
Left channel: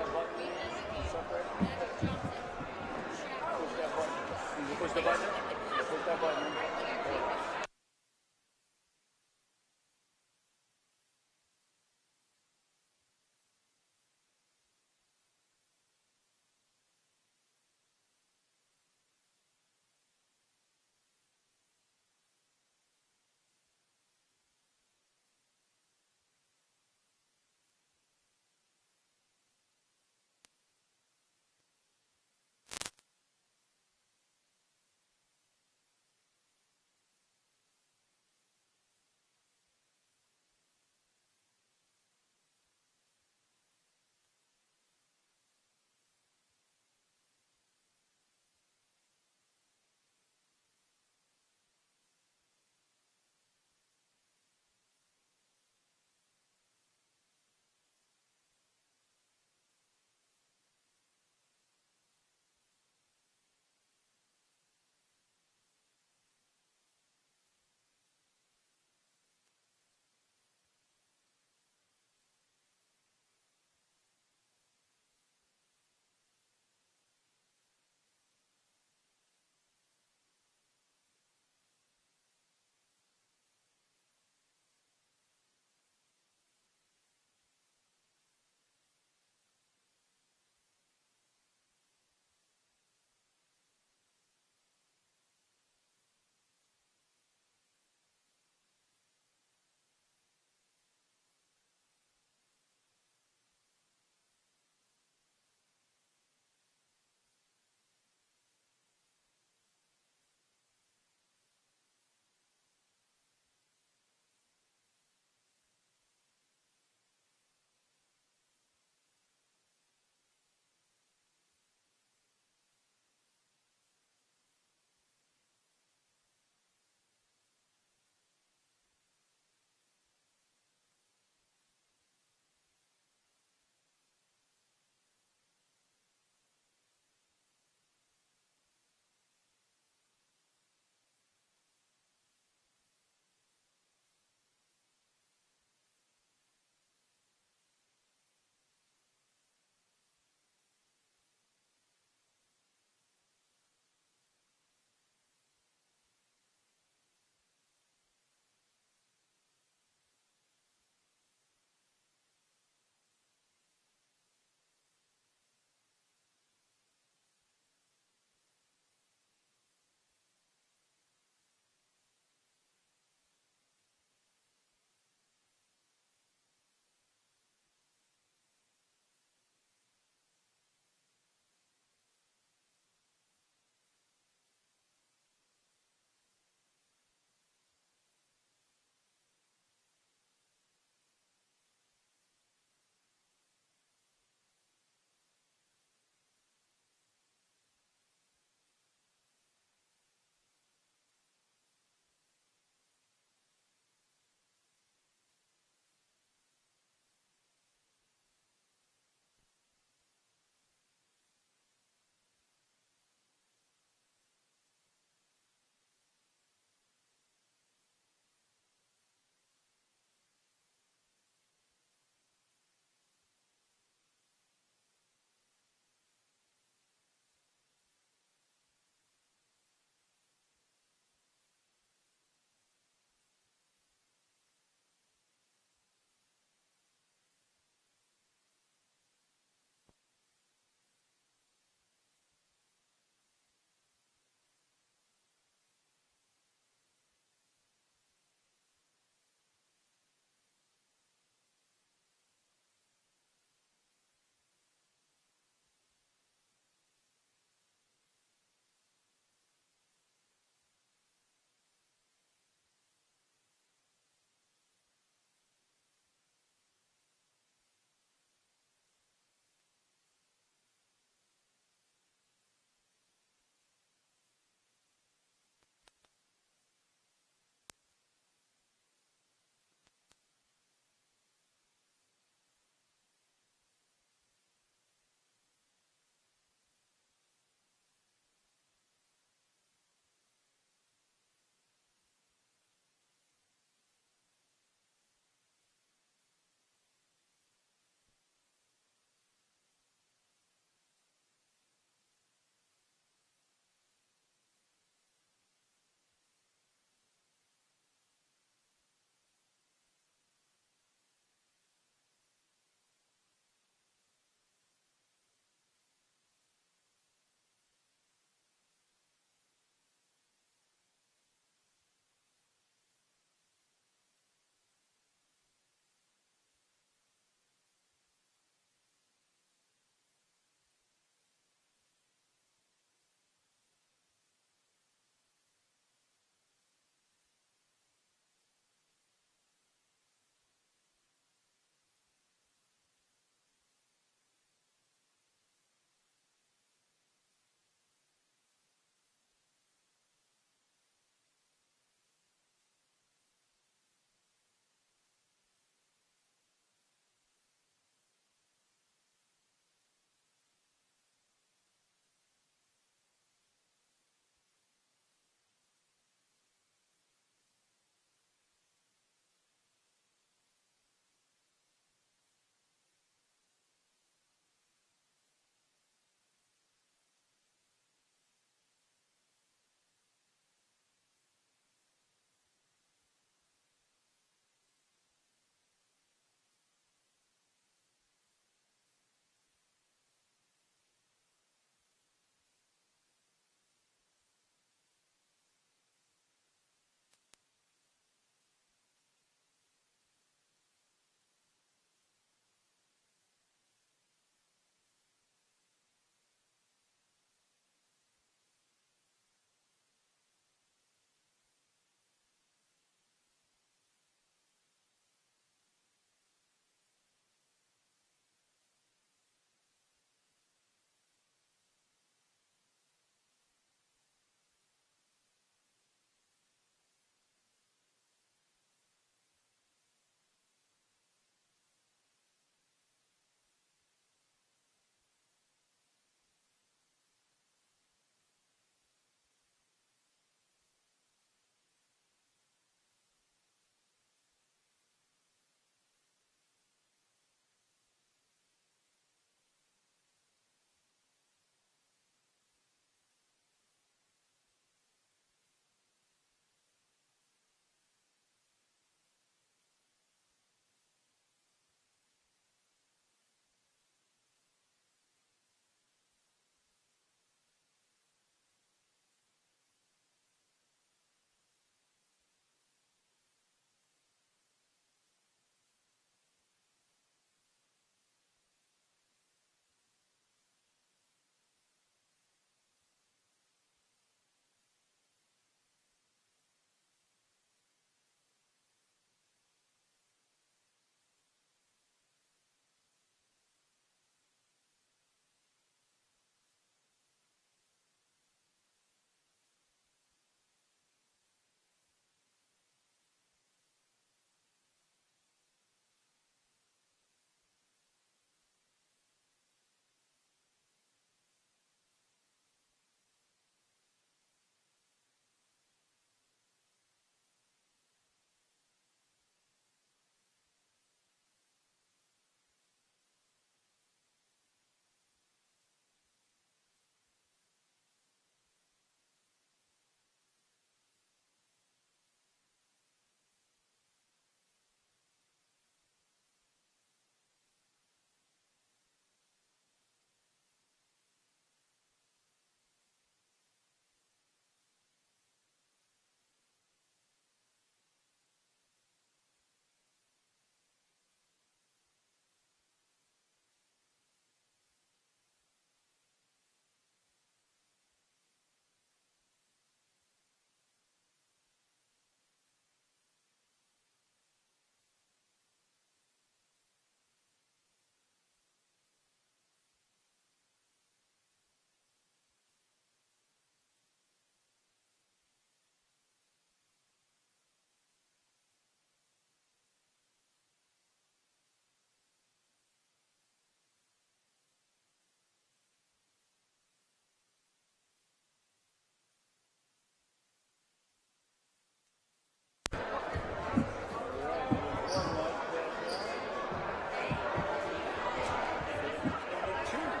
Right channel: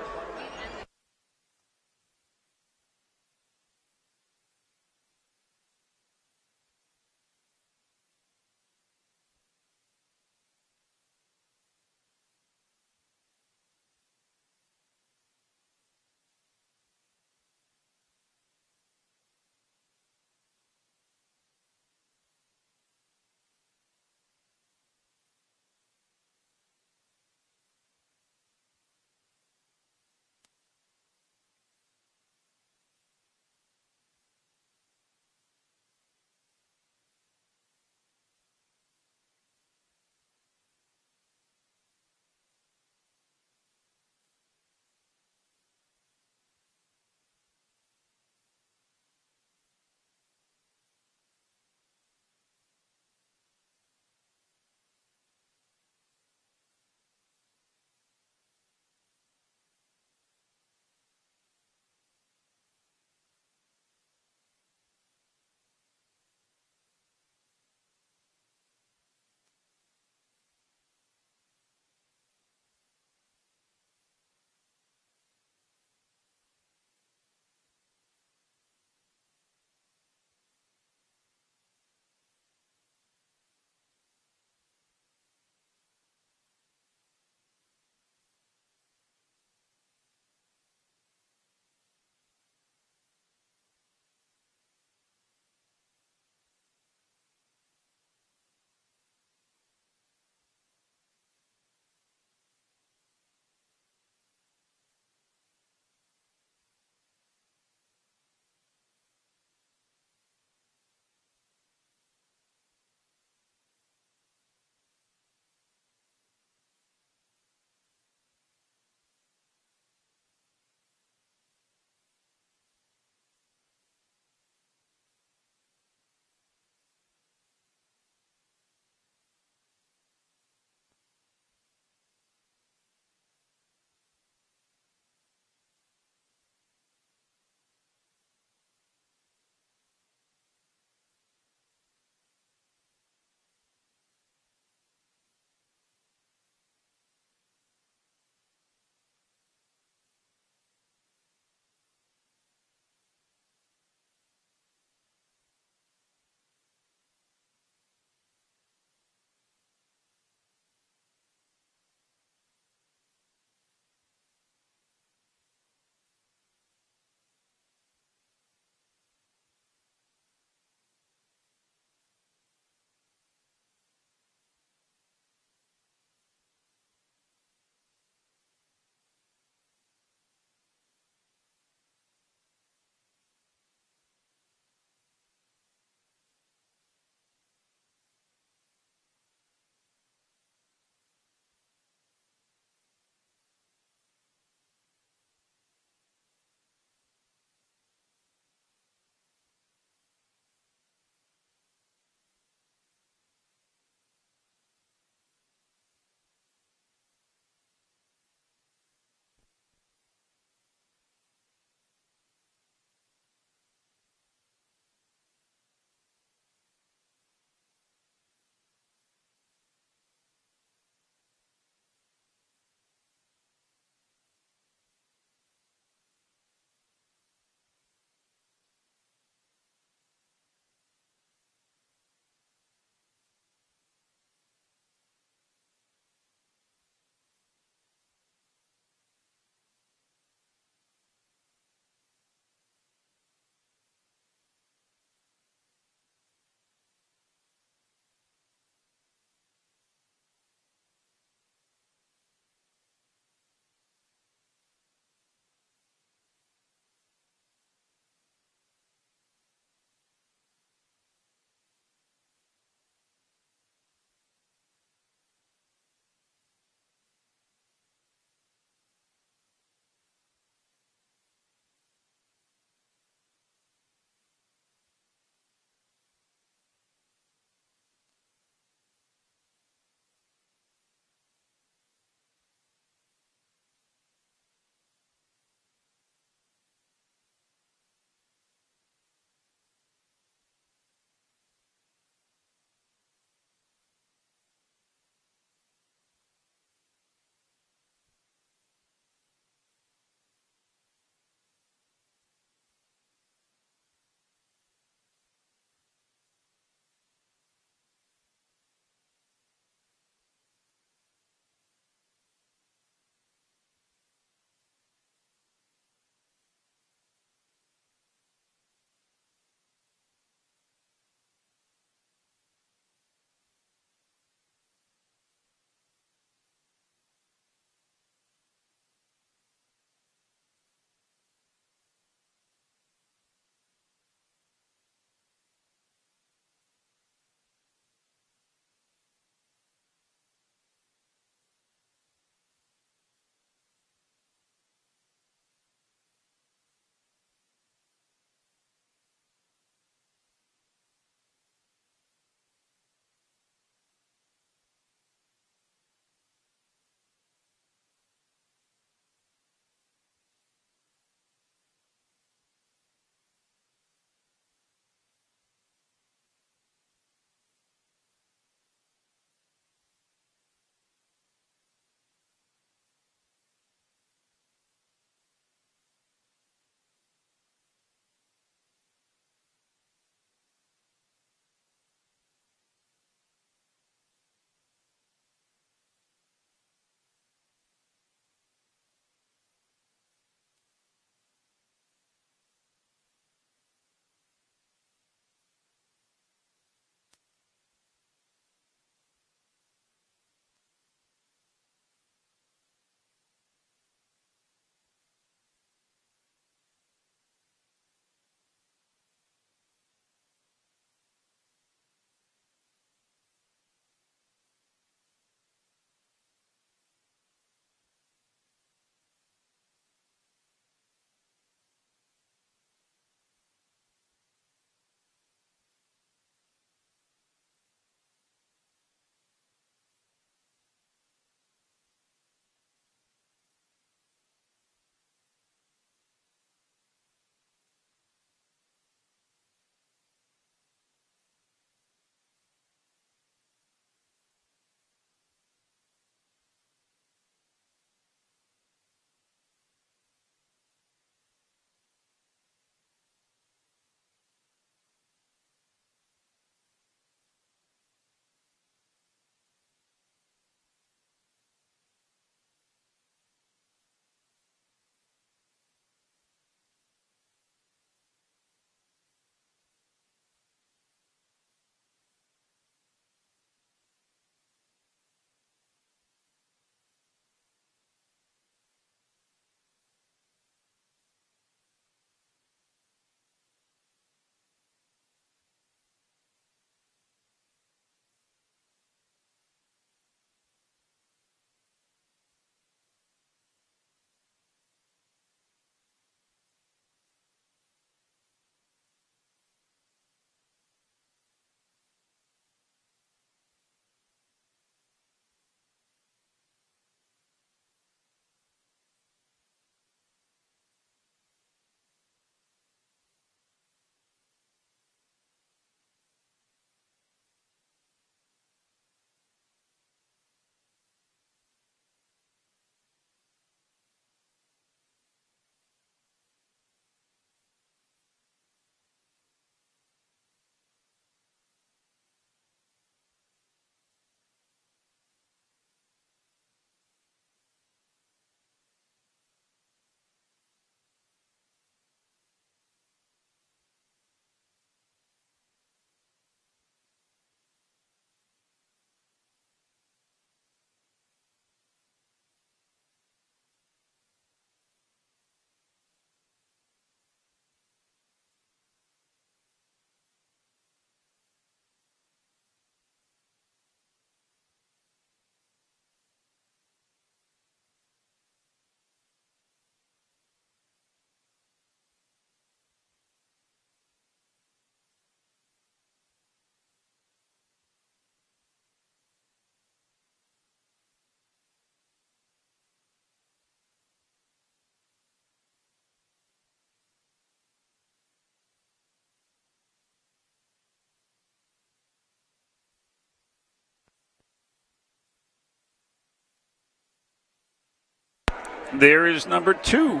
There is number 2.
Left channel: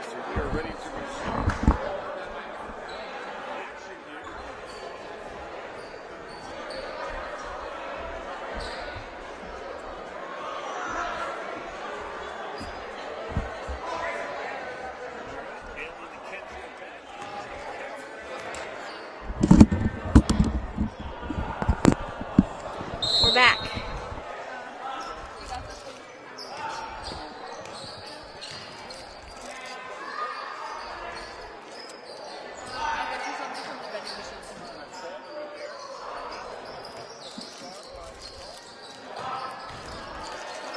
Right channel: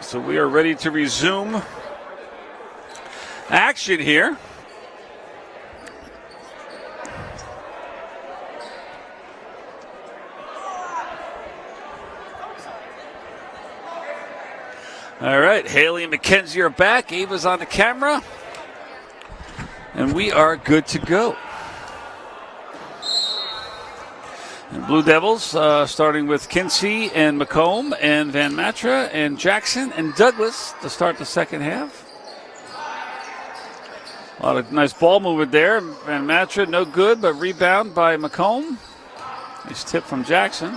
So we are ready to resume action here. All right, Haley and Mackenzie are back. Ava's on the camera. And we are good to go. We're back. And Blue Devils, starting with Kinsey and McComb and Van Matra and Jackson and Douglas to start the second half. A lot of nice ball movement there. Van Matra, no good, but rebound by McComb. Nice tip from Jackson.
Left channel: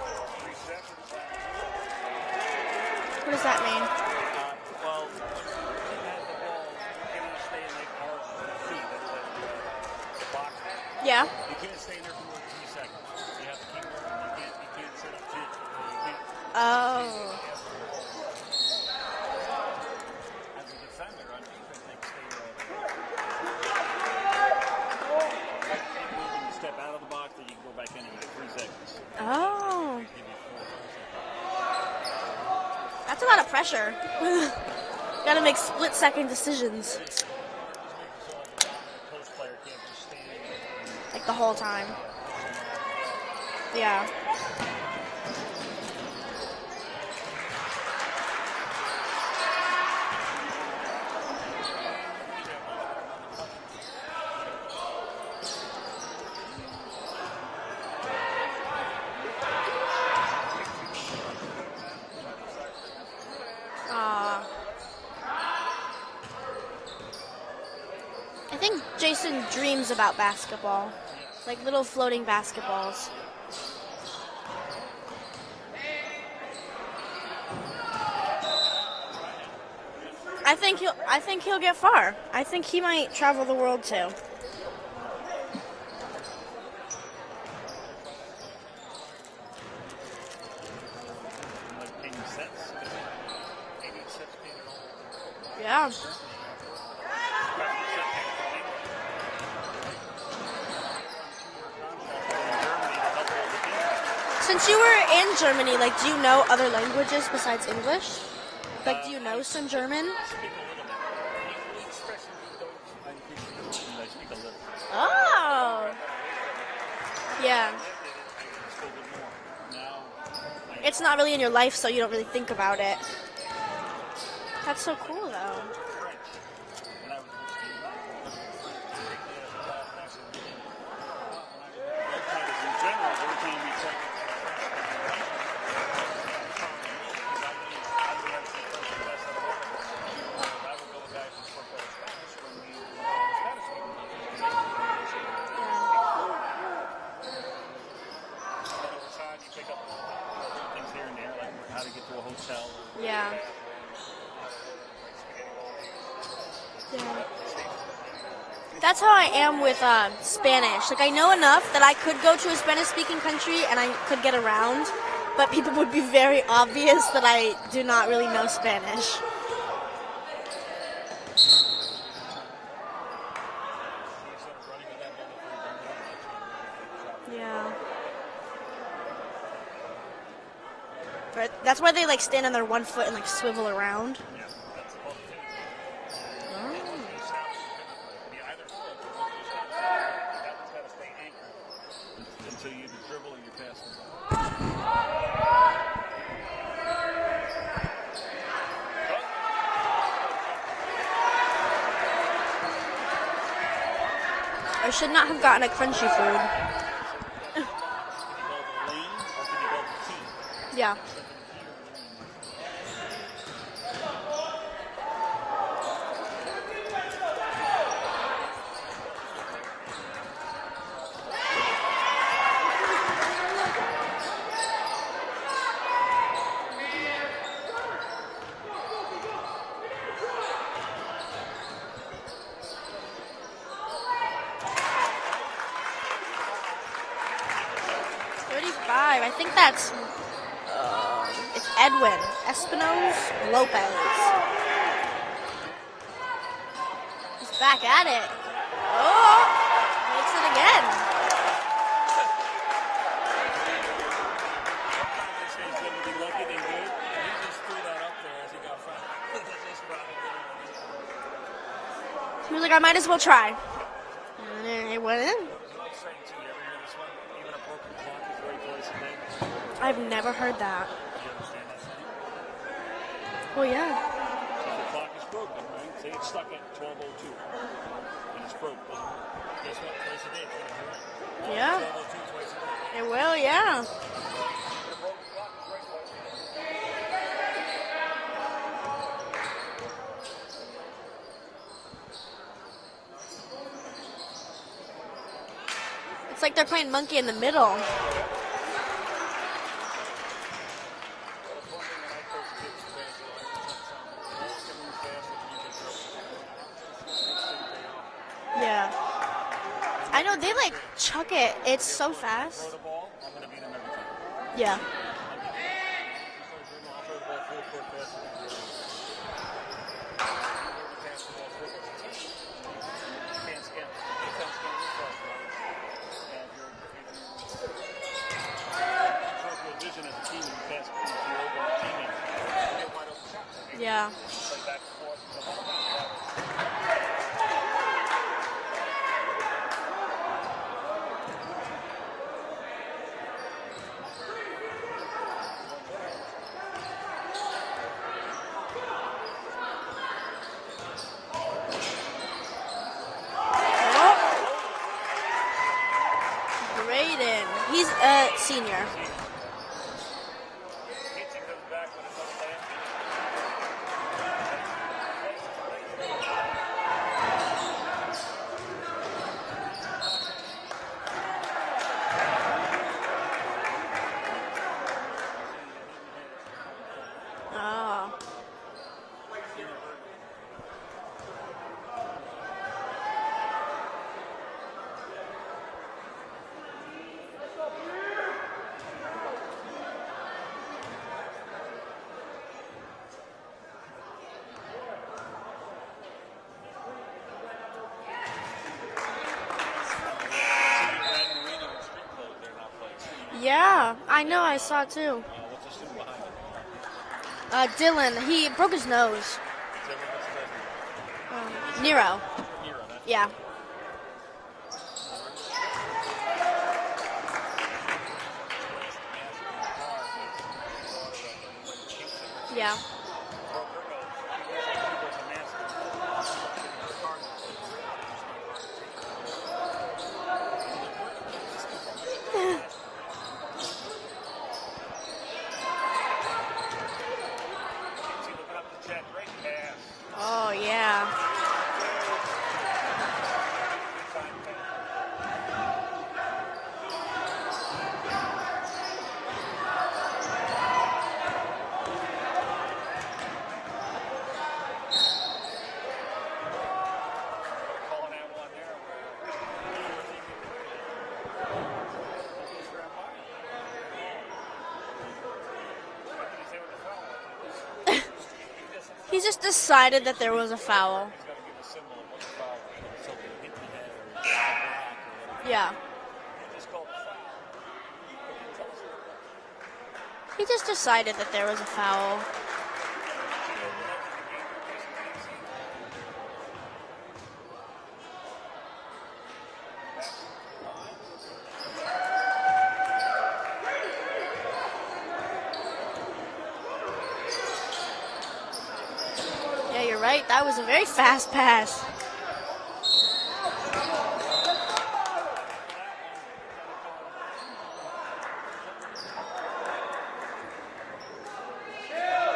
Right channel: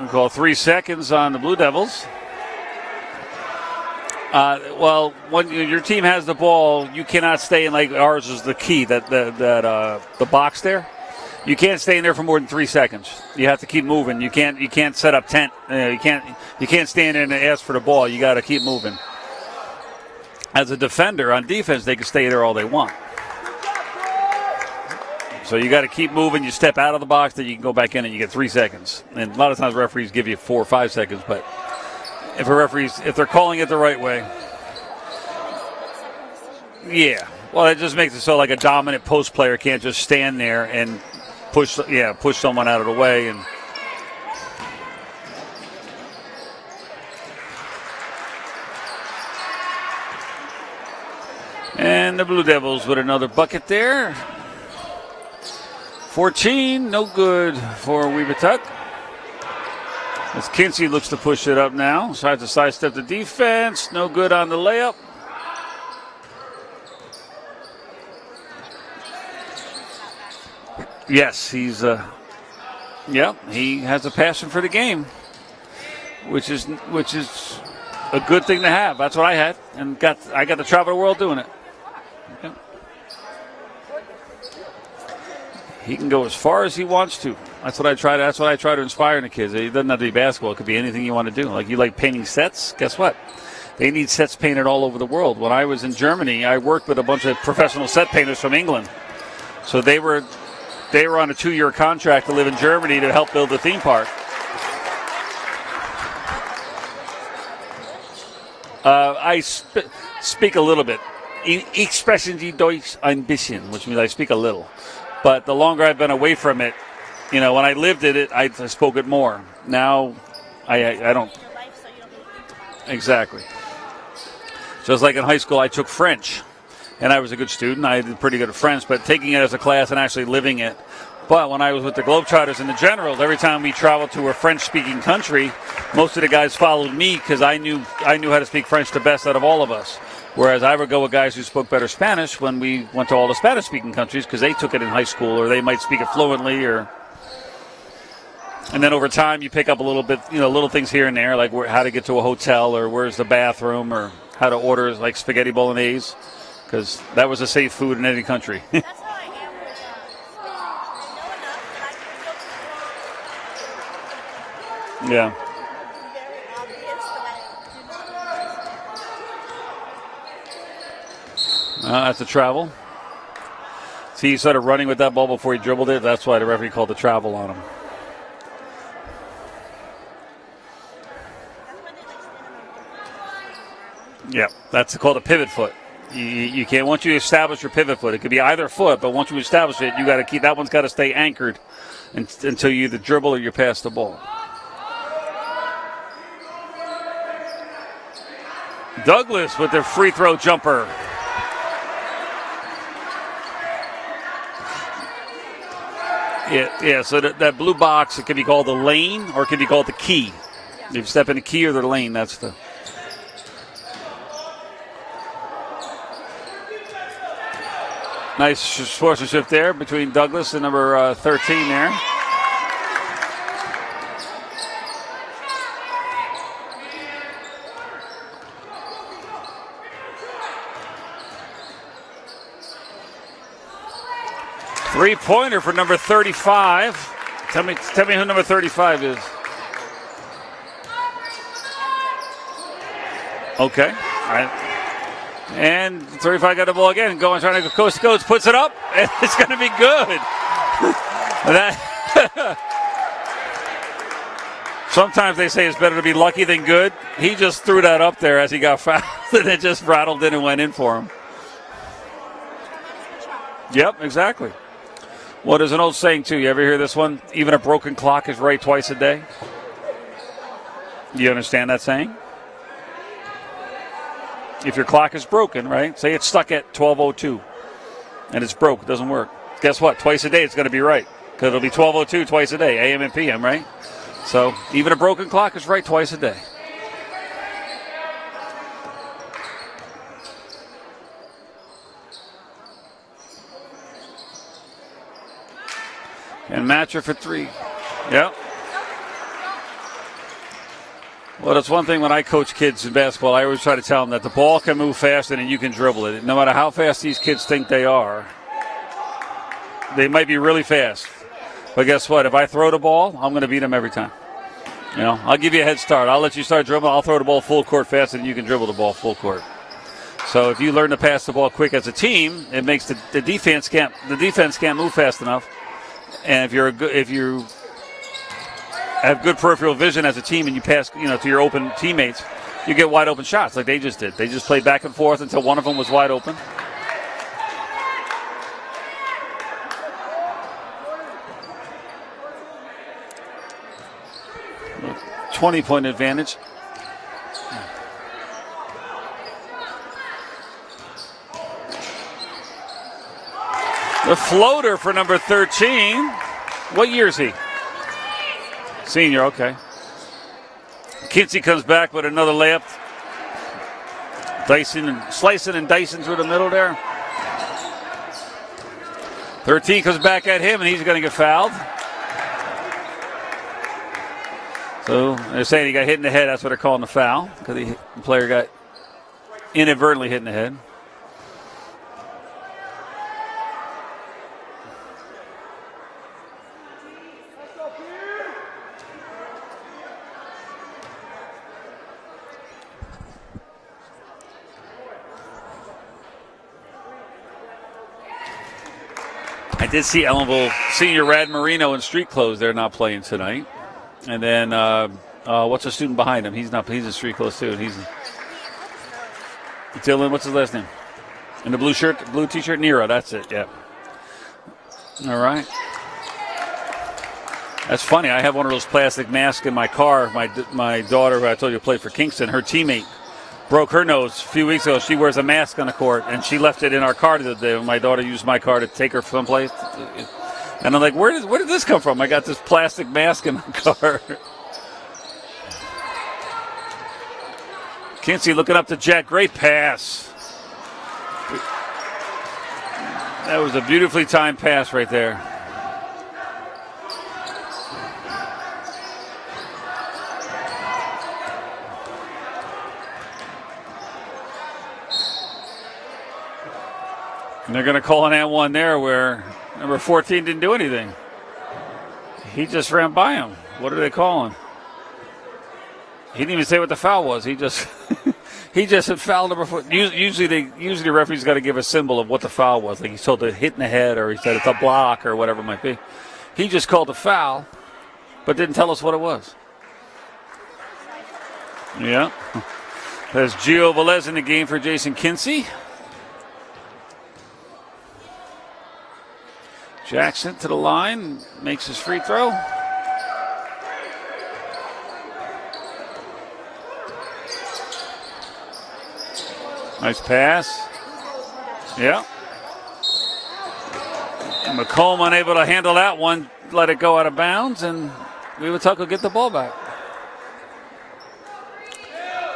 We call 3 seconds on the Blue Devils. What does that mean? Well, when your team has the ball, you cannot stay in, like ours is the key, the box there. Yeah. You can't stay in there for more than 3 seconds. You have to keep moving. You can't set up tent. You can't stand in and ask for the ball. You got to keep moving. As a defender on defense, they can stay there all they want. So you got to keep moving. You step out of the box, then you can go back in and you get 3 seconds. And a lot of times referees give you 4 or 5 seconds, but if they're calling it the right way. Got to make split-second decisions. Yeah. Well, it just makes it so like a dominant post player can't just stand there and Like the whole push time. push someone out of the way. And Yeah. the Blue Devils with another bucket there. 14, no good for Webutuck. As Kinsey looks to push it up now. Tries to sidestep the defense. No good on the layup. I think Jason dreams about basketball. Yes, Like he's little floating basketballs. yeah, he has a passion for the game, which is a good thing to have. That's what I had, and I got to travel the world doing I think he'll get far. I think he might travel the world too. He can go as far as he wants to. That's what I try to inspire in the kids. It doesn't have to be basketball. It could be anything you want to do. Like you like painting sets. Guess what? They need sets painted all over the world. When I was in Germany, I worked with a bunch of professional set painters from England. So they were on a 2-year contract to live in Germany to help build the theme park. Since you were in Germany, do you know other languages besides English? I some German? speak a little bit. Ich spreche die Deutsch ein bisschen, which means I speak a little. But the longer I've been away from it, when I lived in it, I spoke it more. Now, It's I not don't. really in your life, so you don't really think about it. Exactly. That's Just like in high school, I took French, and I was a good student. I did pretty good at French, but taking it as a class and actually living it. But when I was with the Globetrotters and the Generals, every time we traveled to a French-speaking country, most of the guys followed me because I knew how to speak French the best out of all of us. Whereas I would go with guys who spoke better Spanish when we went to all the Spanish-speaking countries because they took it in high school or they might speak it fluently. And then over time you pick up a little bit, little things here and there, like how to get to a hotel or where's the bathroom or how to order like spaghetti bolognese, because that was a safe food in any country. That's how I am with Spanish. I know enough that I could go to a Spanish-speaking country and I could get around. Yeah. But people would be very obvious that I do not really know Spanish. That's a travel. See, he started running with that ball before he dribbled it. That's why the referee called the travel on him. But that's why they stand on their one foot and swivel around. Yeah, that's called a pivot foot. You can't, once you establish your pivot foot, it could be either foot, but once you establish it, you got to keep, that one's got to stay anchored until you either dribble or you pass the ball. Douglas with the free throw jumper. I should not have gotten a crunchy food. Yeah. So that blue box, it could be called the lane or it could be called the key. Yeah. If you step in the key or the lane, that's the. Nice sportsmanship there between Douglas and number 13 there. Three-pointer for number 35. Tell me who number 35 is. I think it's Edwin Espinosa. Okay. All right. And 35 got the ball again. Trying to go. Coach puts it up. And it's going to be good. Again. Sometimes they say it's better to be lucky than good. He just threw that up there as he got fouled, and it just rattled in and went in for him. He was like, I might as well try. Yep, exactly. And it went in. Well, there's an old saying, too. You ever hear this one? Even a broken clock is right twice a day. I've never heard that. You understand that saying? Well, yeah. If your clock is broken, right? Say it's stuck at 12:02, and it's broke. It doesn't work. Guess what? Twice a day it's going to be right. Because it'll be 12:02 twice a day, AM and PM, right? Yeah. So even a broken clock is right twice a day. It's like And they're match her playing for monkey in the three. middle. Yep. Well, that's one thing when I coach kids in basketball, I always try to tell them that the ball can move faster than you can dribble it. No matter how fast these kids think they are, Yeah. they might be They, really like, fast. chuck it. It's But guess so what? If I fast. throw the ball, I'm going to beat them every time. Yeah. You know, I'll give you a head start. I'll let you start dribbling. I'll throw the ball full court faster than you can dribble the ball full court. So if you learn to pass the ball quick as a team, it makes the defense can't move fast enough. And if you have good peripheral vision as a team and you pass, to your open teammates, you get wide open shots like they just did. They just played back and forth until one of them was wide open. A 20-point advantage. The floater for number 13. What year is he? He's senior. Senior, okay. Kinsey comes back with another layup. Slicing and dicing through the middle there. 13 comes back at him, and he's going to get fouled. So they're saying he got hit in the head. That's what they're calling the foul, because the player got inadvertently hit in the head. I did see Ellenville senior Rad Marino in street clothes. They're not playing tonight. Yeah. And I then know, I saw too. what's the student behind him? He's in street clothes too. Dylan, he broke his nose. Dylan, what's his last name? In the blue shirt, Nero. blue t-shirt? Nero, that's Yeah. it, yeah. All right. That's funny. I have one of those plastic masks in my car. My daughter, who I told you played for Kingston, her teammate broke her nose a few weeks ago. She wears a mask on the court, and she left it in our car the day when my daughter used my car to take her someplace. And I'm like, where did this come from? I got this plastic mask in my car. Kinsey looking up to Jack. Great pass. Oh, yeah. That was a beautifully timed pass right there. And they're going to call an and one there where number 14 didn't do anything. He just ran by him. What are they calling? He didn't even say what the foul was. He just had fouled number 14. Usually the referee's got to give a symbol of what the foul was. Like he's told to hit in the head, or he said it's a block, or whatever it might be. He just called a foul, but didn't tell us what it was. He just decided that there was a foul. Yeah. There's Gio Velez in the game for Jason Kinsey. Jackson to the line, makes his free throw. Yeah, Nice you're right. pass. That was a very fast pass. Yeah. McComb unable to handle that one, let it go out of bounds, and Webutuck will get the ball back.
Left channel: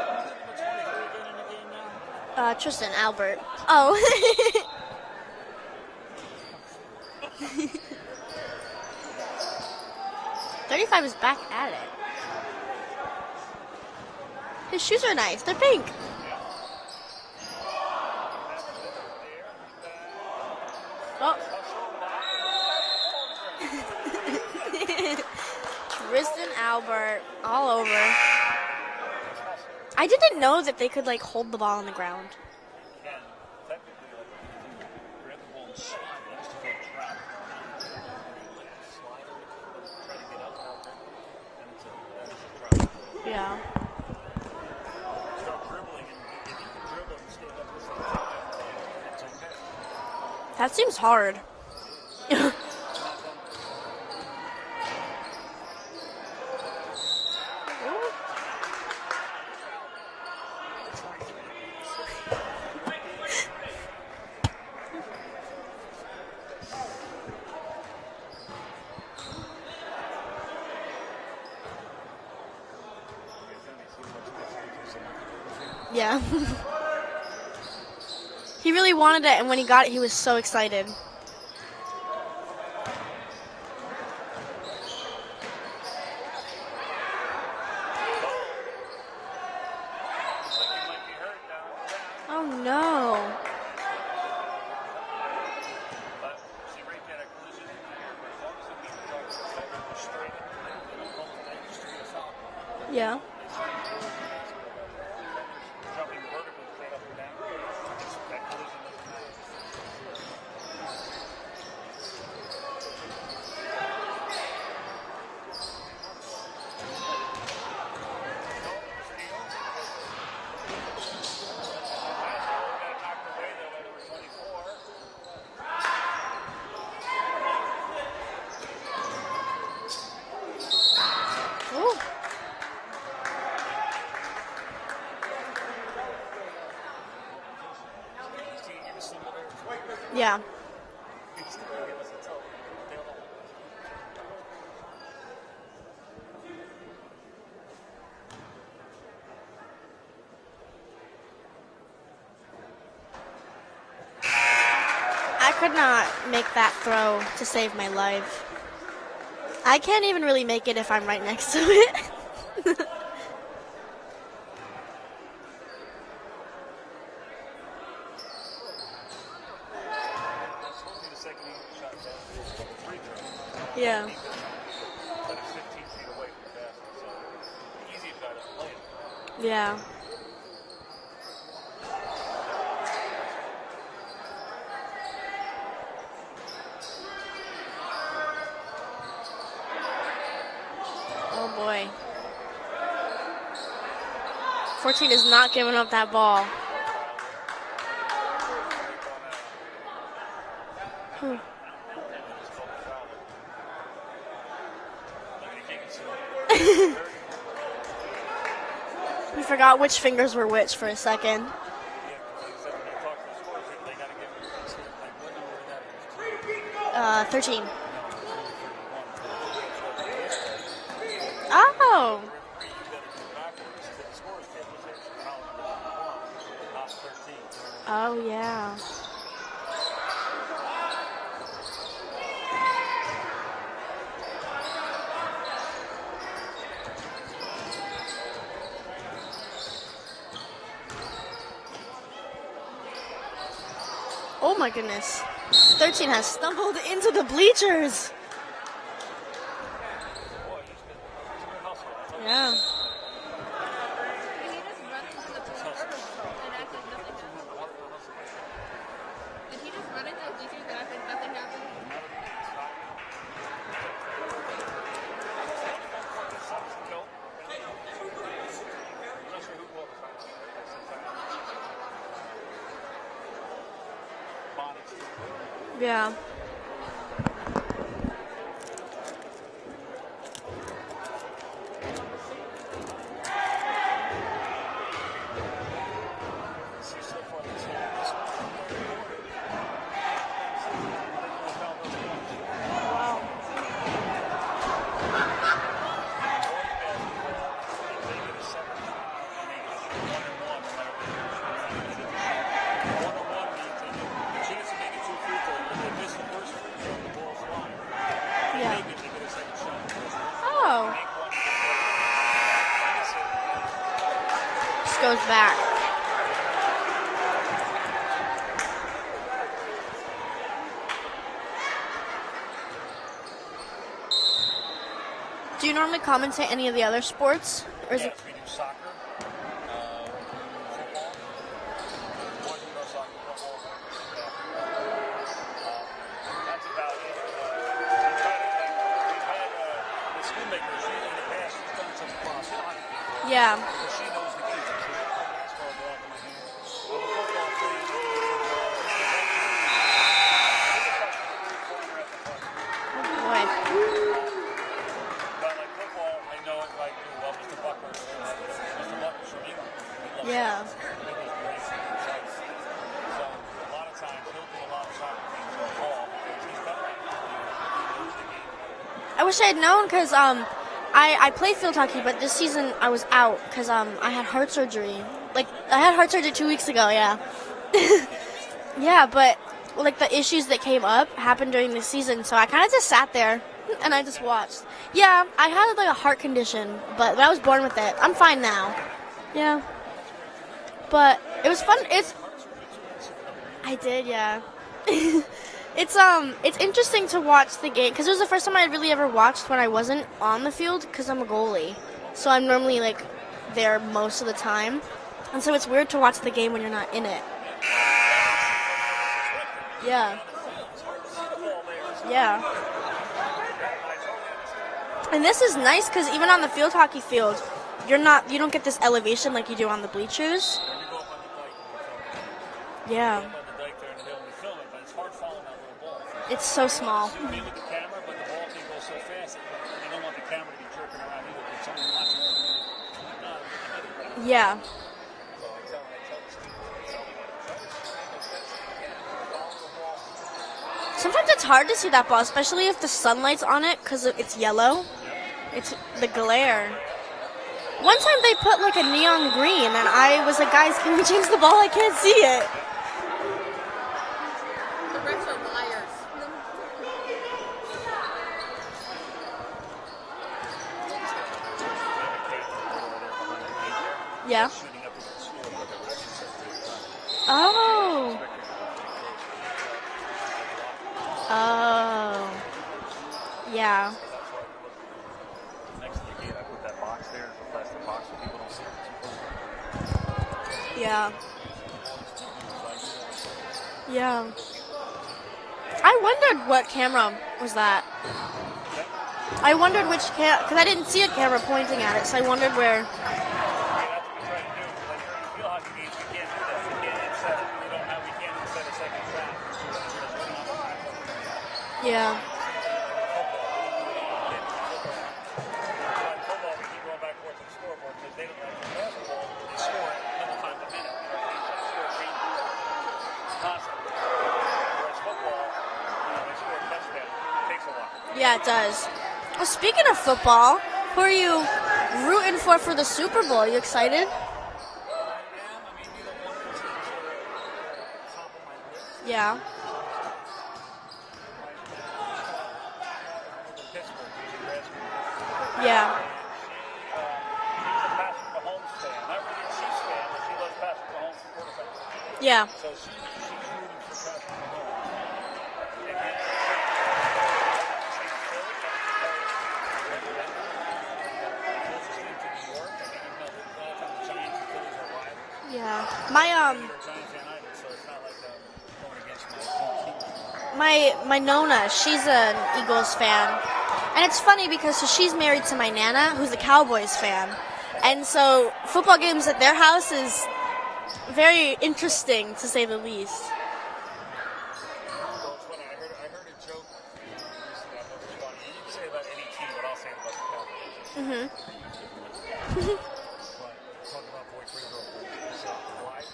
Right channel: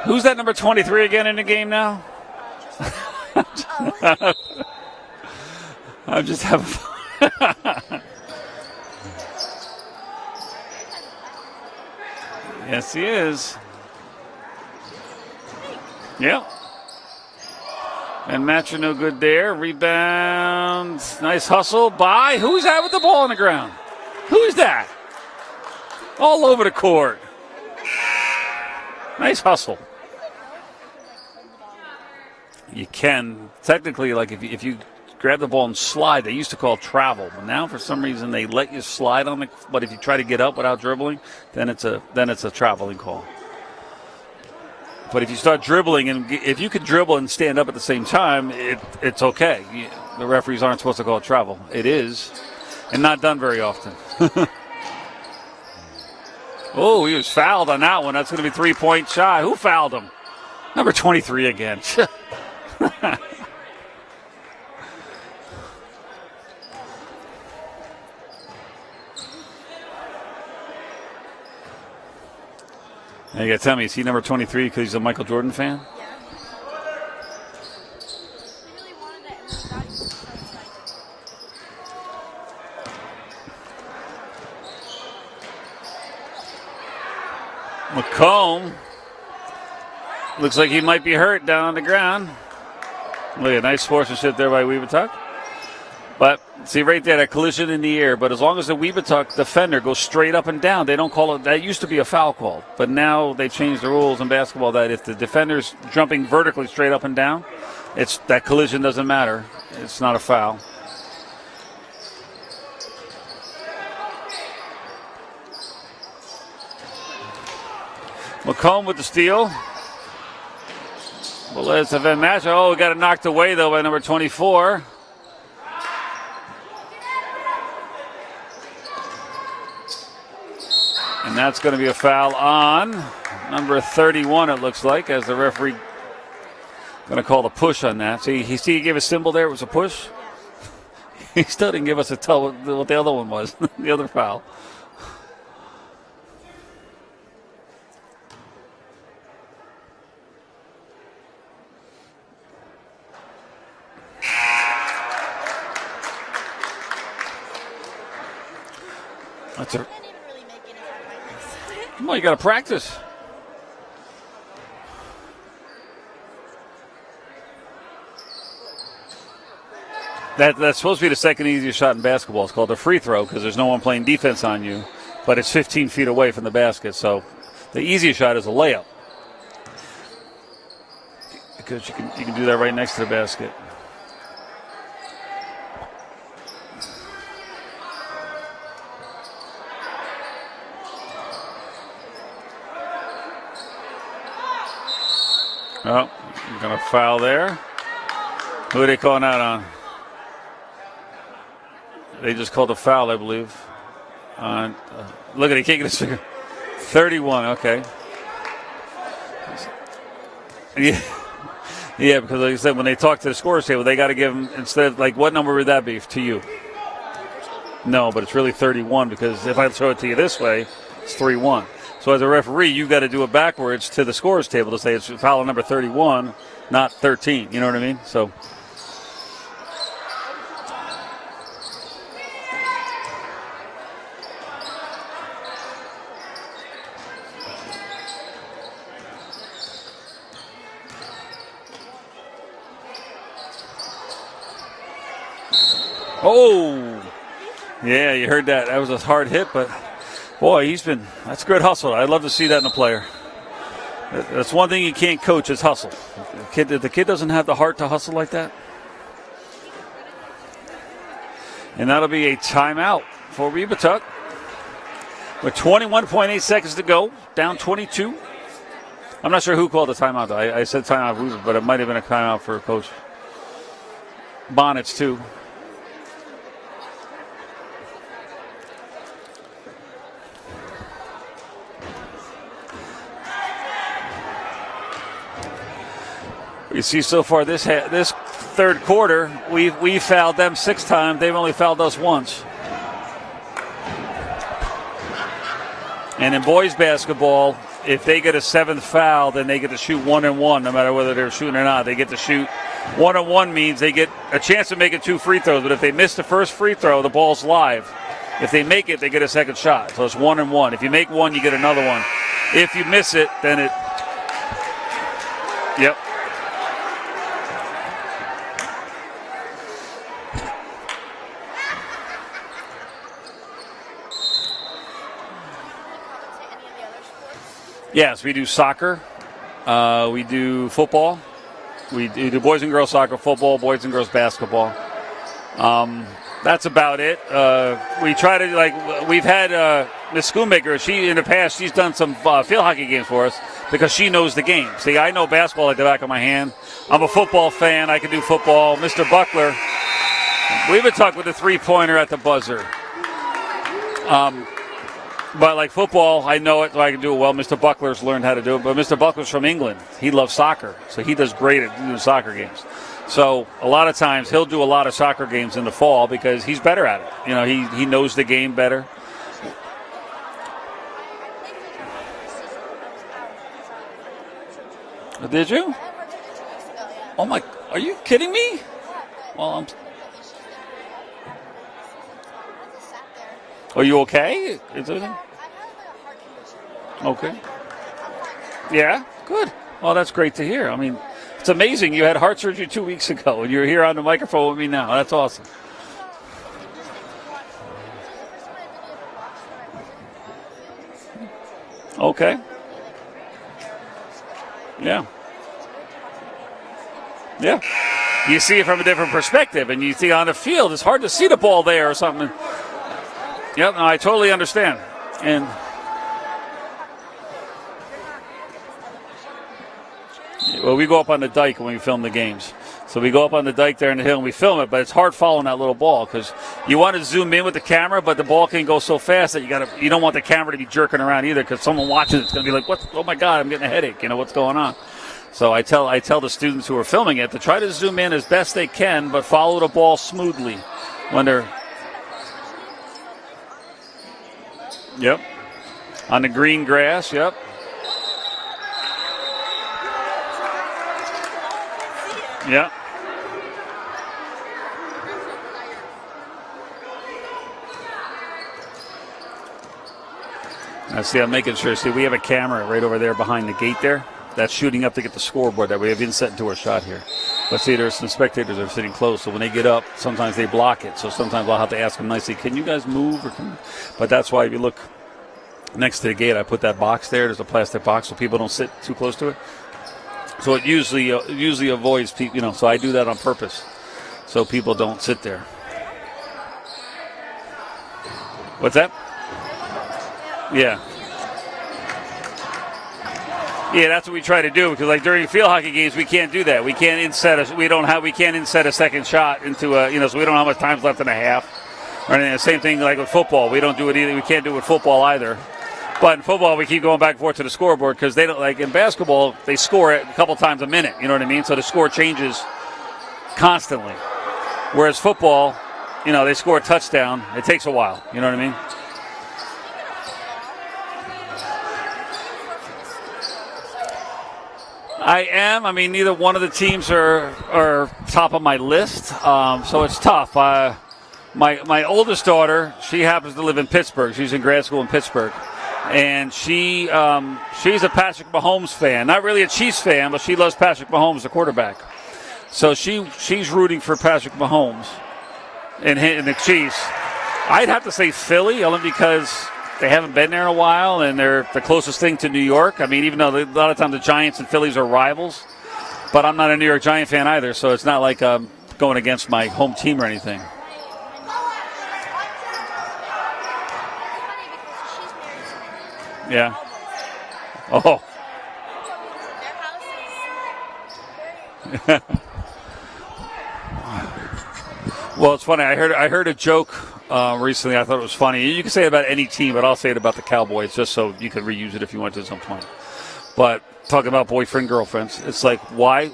Who's that number 23 again in the game now? Tristan Albert. Oh. I'm just having fun. 35 is back at it. Yes, he is. His shoes are nice. They're pink. Yep. And Matcher no good there. Rebound. Nice hustle by. Who's that with the ball on the ground? Who's that? All over the court. All over. Nice hustle. I didn't know that they could hold the ball on the ground. You can technically, if you grab the ball and slide. They used to call travel, but now for some reason they let you slide on it. But if you try to get up without dribbling, then it's a traveling call. Yeah. But if you start dribbling, and if you could dribble and stand up at the same time, it's okay. The referees aren't supposed to call it travel. It is, and not done very often. Oh, he was fouled on that one. That's going to be 3-point shot. Who fouled him? Number 23 again. Now you got to tell me, is he number 23 because he's a Michael Jordan fan? Yeah. He really wanted it, and when he got it, he was so excited. McComb looks like he might be hurt down on the ground. Oh, no. Look at nice sportsmanship there by Webutuck. But see right there, that collision in the air. But as long as the Webutuck defender goes straight up and down, they don't call it. That used to be a foul call. But now they changed the rules in basketball that if the defender's jumping vertically straight up and down, that collision doesn't matter. It's not a foul. McComb with the steal. Well, it's a match. Oh, we got it knocked away, though, by number 24. And that's going to be a foul on number 31, it looks like, as the referee going to call the push on that. See, he gave a symbol there. It was a push. Yeah. He still didn't give us a tell what the other one was, the other foul. I could not make that throw to save my life. I can't even really make it if I'm right next to it. Well, you got to practice. That's supposed to be the second easiest shot in basketball. It's called a free throw because there's no one playing defense on you, but it's 15 feet away from the basket. So the easiest shot is a layup. Yeah. Because you can do that right next to the basket. Oh boy. 14 is not giving up that ball. Going to foul there. Who are they calling that on? They just called a foul, I believe. Look at it, he can't get his finger. 31, okay. We forgot which fingers were which for a second. Yeah, because like I said, when they talk to the scorers table, they got to give them, instead of, like, what number would that be to you? 13. No, but it's really 31 because if I throw it to you this way, it's 3-1. Oh. So as a referee, you've got to do it backwards to the scorers table to say it's foul number 31, not 13. You know what I mean? Oh, yeah. Oh my goodness. 13 has stumbled into the bleachers. Yeah, you heard that. That was a hard hit, but boy, that's good hustle. I'd love to see that in a player. That's one thing you can't coach is hustle. If the kid doesn't have the heart to hustle like that. And that'll be a timeout for Webutuck. With 21.8 seconds to go, down 22. I'm not sure who called the timeout, though. I said timeout, but it might have been a timeout for Coach Bonnets, too. Yeah. You see, so far this third quarter, we fouled them 6 times. They've only fouled us once. And in boys basketball, if they get a 7th foul, then they get to shoot 1-1, no matter whether they're shooting or not. They get to shoot 1-1 means they get a chance of making 2 free throws. But if they miss the first free throw, the ball's live. If they make it, they get a second shot. So it's 1-1. If you make one, you get another one. If you miss it, then it just goes back. Yep. Do you normally commentate any of the other sports? Yes, we do soccer. We do football. We do boys and girls soccer, football, boys and girls basketball. That's about it. We try to, we've had Miss Schoonmaker. She, in the past, she's done some field hockey games for us because she knows the game. See, I know basketball like the back of my hand. I'm a football fan. I can do football. Mr. Buckler, Webutuck with a three-pointer at the buzzer. But like football, I know it, so I can do it well. Mr. Buckler's learned how to do it, but Mr. Buckler's from England. He loves soccer, so he does great at doing soccer games. So a lot of times he'll do a lot of soccer games in the fall because he's better at it. You know, he knows the game better. I wish I had known because I played field hockey, but this season I was out because I had heart surgery. Did you? I had heart surgery 2 weeks ago, yeah. Oh, my, are you kidding me? Yeah, but Well, like the issues that came up happened during the season, so I kind of just sat there. Are and you I just okay? watched. Yeah, I had like a heart condition, but I was born with it. I'm fine now. Yeah? Good. Yeah. Well, that's great to hear. I mean, But it's it was amazing. fun. You had heart surgery 2 weeks ago, and you're here on the did, microphone with me now. That's awesome. It's interesting to watch the game because it was the first time I had really ever watched when I wasn't on the field because I'm a goalie. Okay. So I'm normally like there most of the time. Yeah. And so it's weird to watch the game when you're not in it. Yeah. You see it from a different perspective, and you see on the field, it's hard to see the ball there or something. Yeah. Yep, no, I totally understand. And this is nice because even on the field hockey field, you don't get this elevation like you do on the bleachers. Well, we go up on the dike when we film the games. So we Yeah. go up on the dike there in the hill and we film it, but it's hard following that little ball because It's so you want to small. zoom in with the camera, but the ball can go so fast that you don't want the camera to be jerking around either because someone watching it's going to be like, "What? Oh my God, I'm getting a headache." You know what's going on? So I tell the students who are filming it to try to zoom in as best they can, but follow the ball smoothly. Sometimes it's hard to see that ball, especially if the sunlight's on it because it's yellow. Yep. It's the On the glare. green grass. Yep. One time they put like a neon green, and I was like, guys, can we change the ball? I can't see it. Yep. The refs are liars. I see. I'm making sure. See, we have a camera right over there behind the gate there. Yeah. That's shooting up to get the scoreboard that we have inset into our shot here. Oh. But see, there's some spectators that are sitting close, so when they get up, sometimes they block it. So sometimes I'll have to ask them nicely, can you guys move? Yeah. But that's why if you look next to the gate, I put that box there. There's a plastic box so people don't sit too close to it. So it usually avoids people, so I do that on purpose. Yeah. So people don't sit there. I wondered what camera was that. What's that? I wondered which because I didn't see a camera pointing at it, so I wondered where. Yeah, that's what we try to do because, like during field hockey games, we can't do that. We can't inset a second shot into a so we don't have much time left in a half. Yeah. Or anything. The same thing like with football. We don't do it either. We can't do it with football either. But in football, we keep going back and forth to the scoreboard because they don't like in basketball. They score it a couple times a minute. You know what I mean? So the score changes constantly. Whereas football, they score a touchdown. It takes a while. You know what I mean? It does. Well, speaking of football, who are you rooting for the Super Bowl? Are you excited? I am. I mean, neither one of the teams are top of my list, Yeah. so it's tough. My oldest daughter, she happens to live in Pittsburgh. She's in grad school in Pittsburgh. Yeah. And she's a Patrick Mahomes fan. Not really a Chiefs fan, but she loves Patrick Mahomes, the quarterback. Yeah. So she's rooting for Patrick Mahomes and the Chiefs. I'd have to say Philly, only because they haven't been there in a while, and they're the closest thing to New York. I mean, even though a lot of times the Giants and Phillies are rivals. Yeah. But I'm not a New York Giant fan either, so it's not like going against my home team or anything. My Nona, she's an Eagles fan. And it's funny because she's married to my Nana, who's a Cowboys fan. Oh. And so football games at their house is very interesting, to say the least. Well, it's funny. I heard a joke recently. I thought it was funny. You can say it about any team, but I'll say it about the Cowboys just so you can reuse it if you want to at some point. But talking about boyfriend girlfriends, it's like why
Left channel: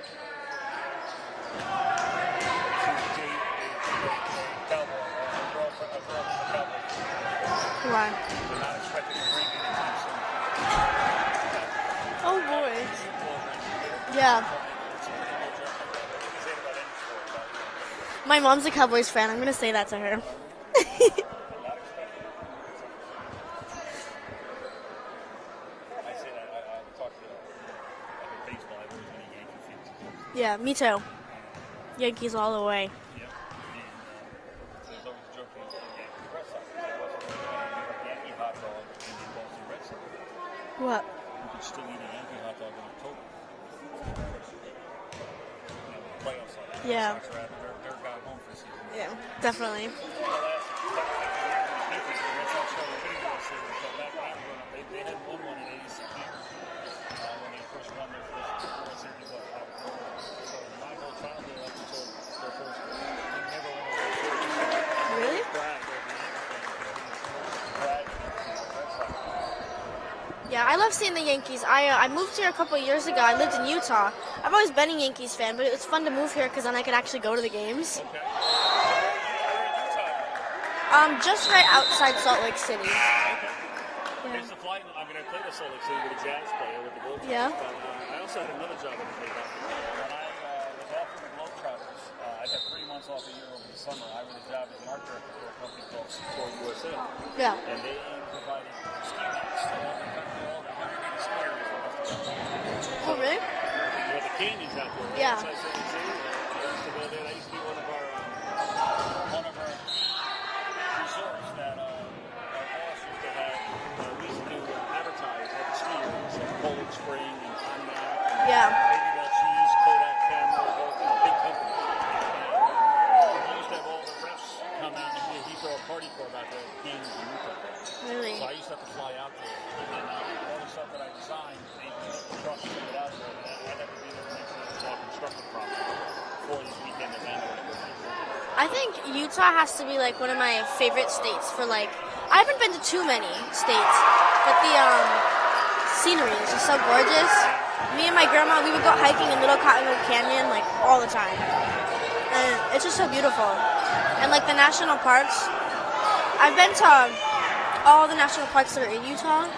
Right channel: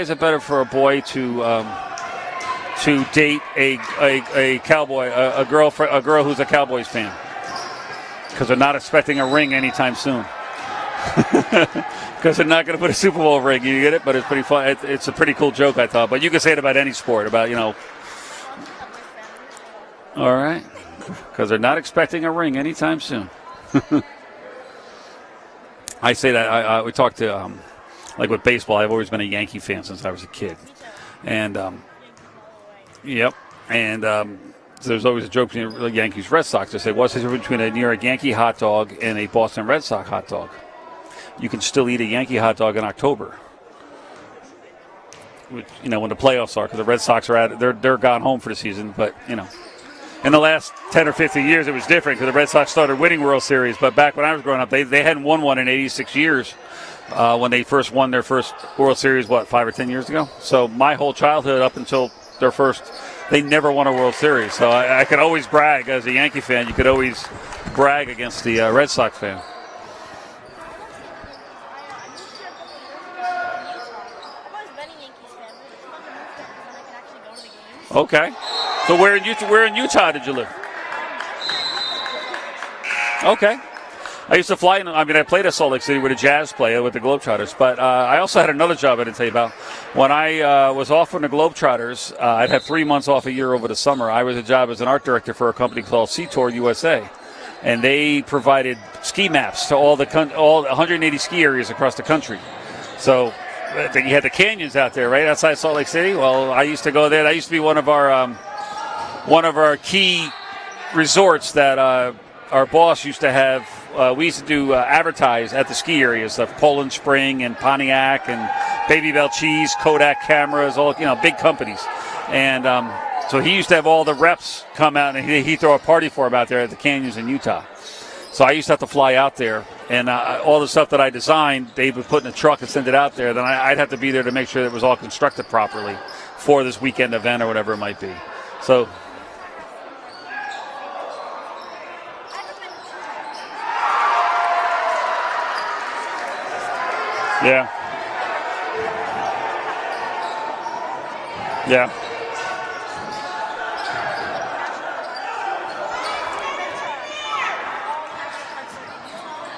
is it better for a boy to date a cowboy, a girl who's a Cowboys fan? Why? Because they're not expecting a ring anytime soon. Because they're not going to put a Super Bowl ring. You get it? But it's pretty fun. It's a pretty cool joke, I thought. But you can say it about any sport. About My mom's a Cowboys fan. I'm going to say that to her. All right. Because they're not expecting a ring anytime soon. I say that. We talked to, like with baseball, I've always been a Yankee fan since I was a kid. Yeah, me too. And Yankees all the way. Yep. And so there's always a joke between the Yankees Red Sox. I say, what's the difference between a New York Yankee hot dog and a Boston Red Sox hot dog? What? You can still eat a Yankee hot dog in October. when the playoffs are, because the Red Sox are out. They're gone home for the season. But Definitely. in the last 10 or 15 years, it was different because the Red Sox started winning World Series. But back when I was growing up, they hadn't won one in 86 years when they first won their first World Series, 5 or 10 years ago? So my whole childhood up until their first, they never won a World Series. So I could always brag as a Yankee fan. You could always brag against the Red Sox fan. Yeah, I love seeing the Yankees. I moved here a couple of years ago. I lived in Utah. I've always been a Yankees fan, but it was fun to move here because then I could actually go to the games. Okay. So where in Utah did you live? Just right outside Salt Lake City. Okay. I used to fly in. I played at Salt Lake City with a Jazz player with the Globetrotters, but I also had another job I didn't tell you about. When I was off from the Globetrotters, I'd have 3 months off a year over the summer. I was a job as an art director for a company called Sea Tour USA. Yeah. And they provided ski maps to all 180 ski areas across the country. So you had the canyons out there, right outside Salt Lake City. Well, I used to go there. That used to be one of our key resorts that our boss used to have. We used to do advertise at the ski areas of Poland Spring and Pontiac and Baby Bell Cheese, Kodak cameras, all big companies. And so he used to have all the reps come out, and he'd throw a party for them out there at the canyons in Utah. Really? So I used to have to fly out there, and all the stuff that I designed, they would put in a truck and send it out there. Then I'd have to be there to make sure it was all constructed properly for this weekend event or whatever it might be. I think Utah has to be like one of my favorite states for I haven't been to too many states, but the scenery is just so gorgeous. Yeah. Me and my grandma, we would go hiking in Little Cottonwood Canyon all the time. Yeah. And it's just so beautiful. And the national parks, I've been to all the national parks that are in Utah.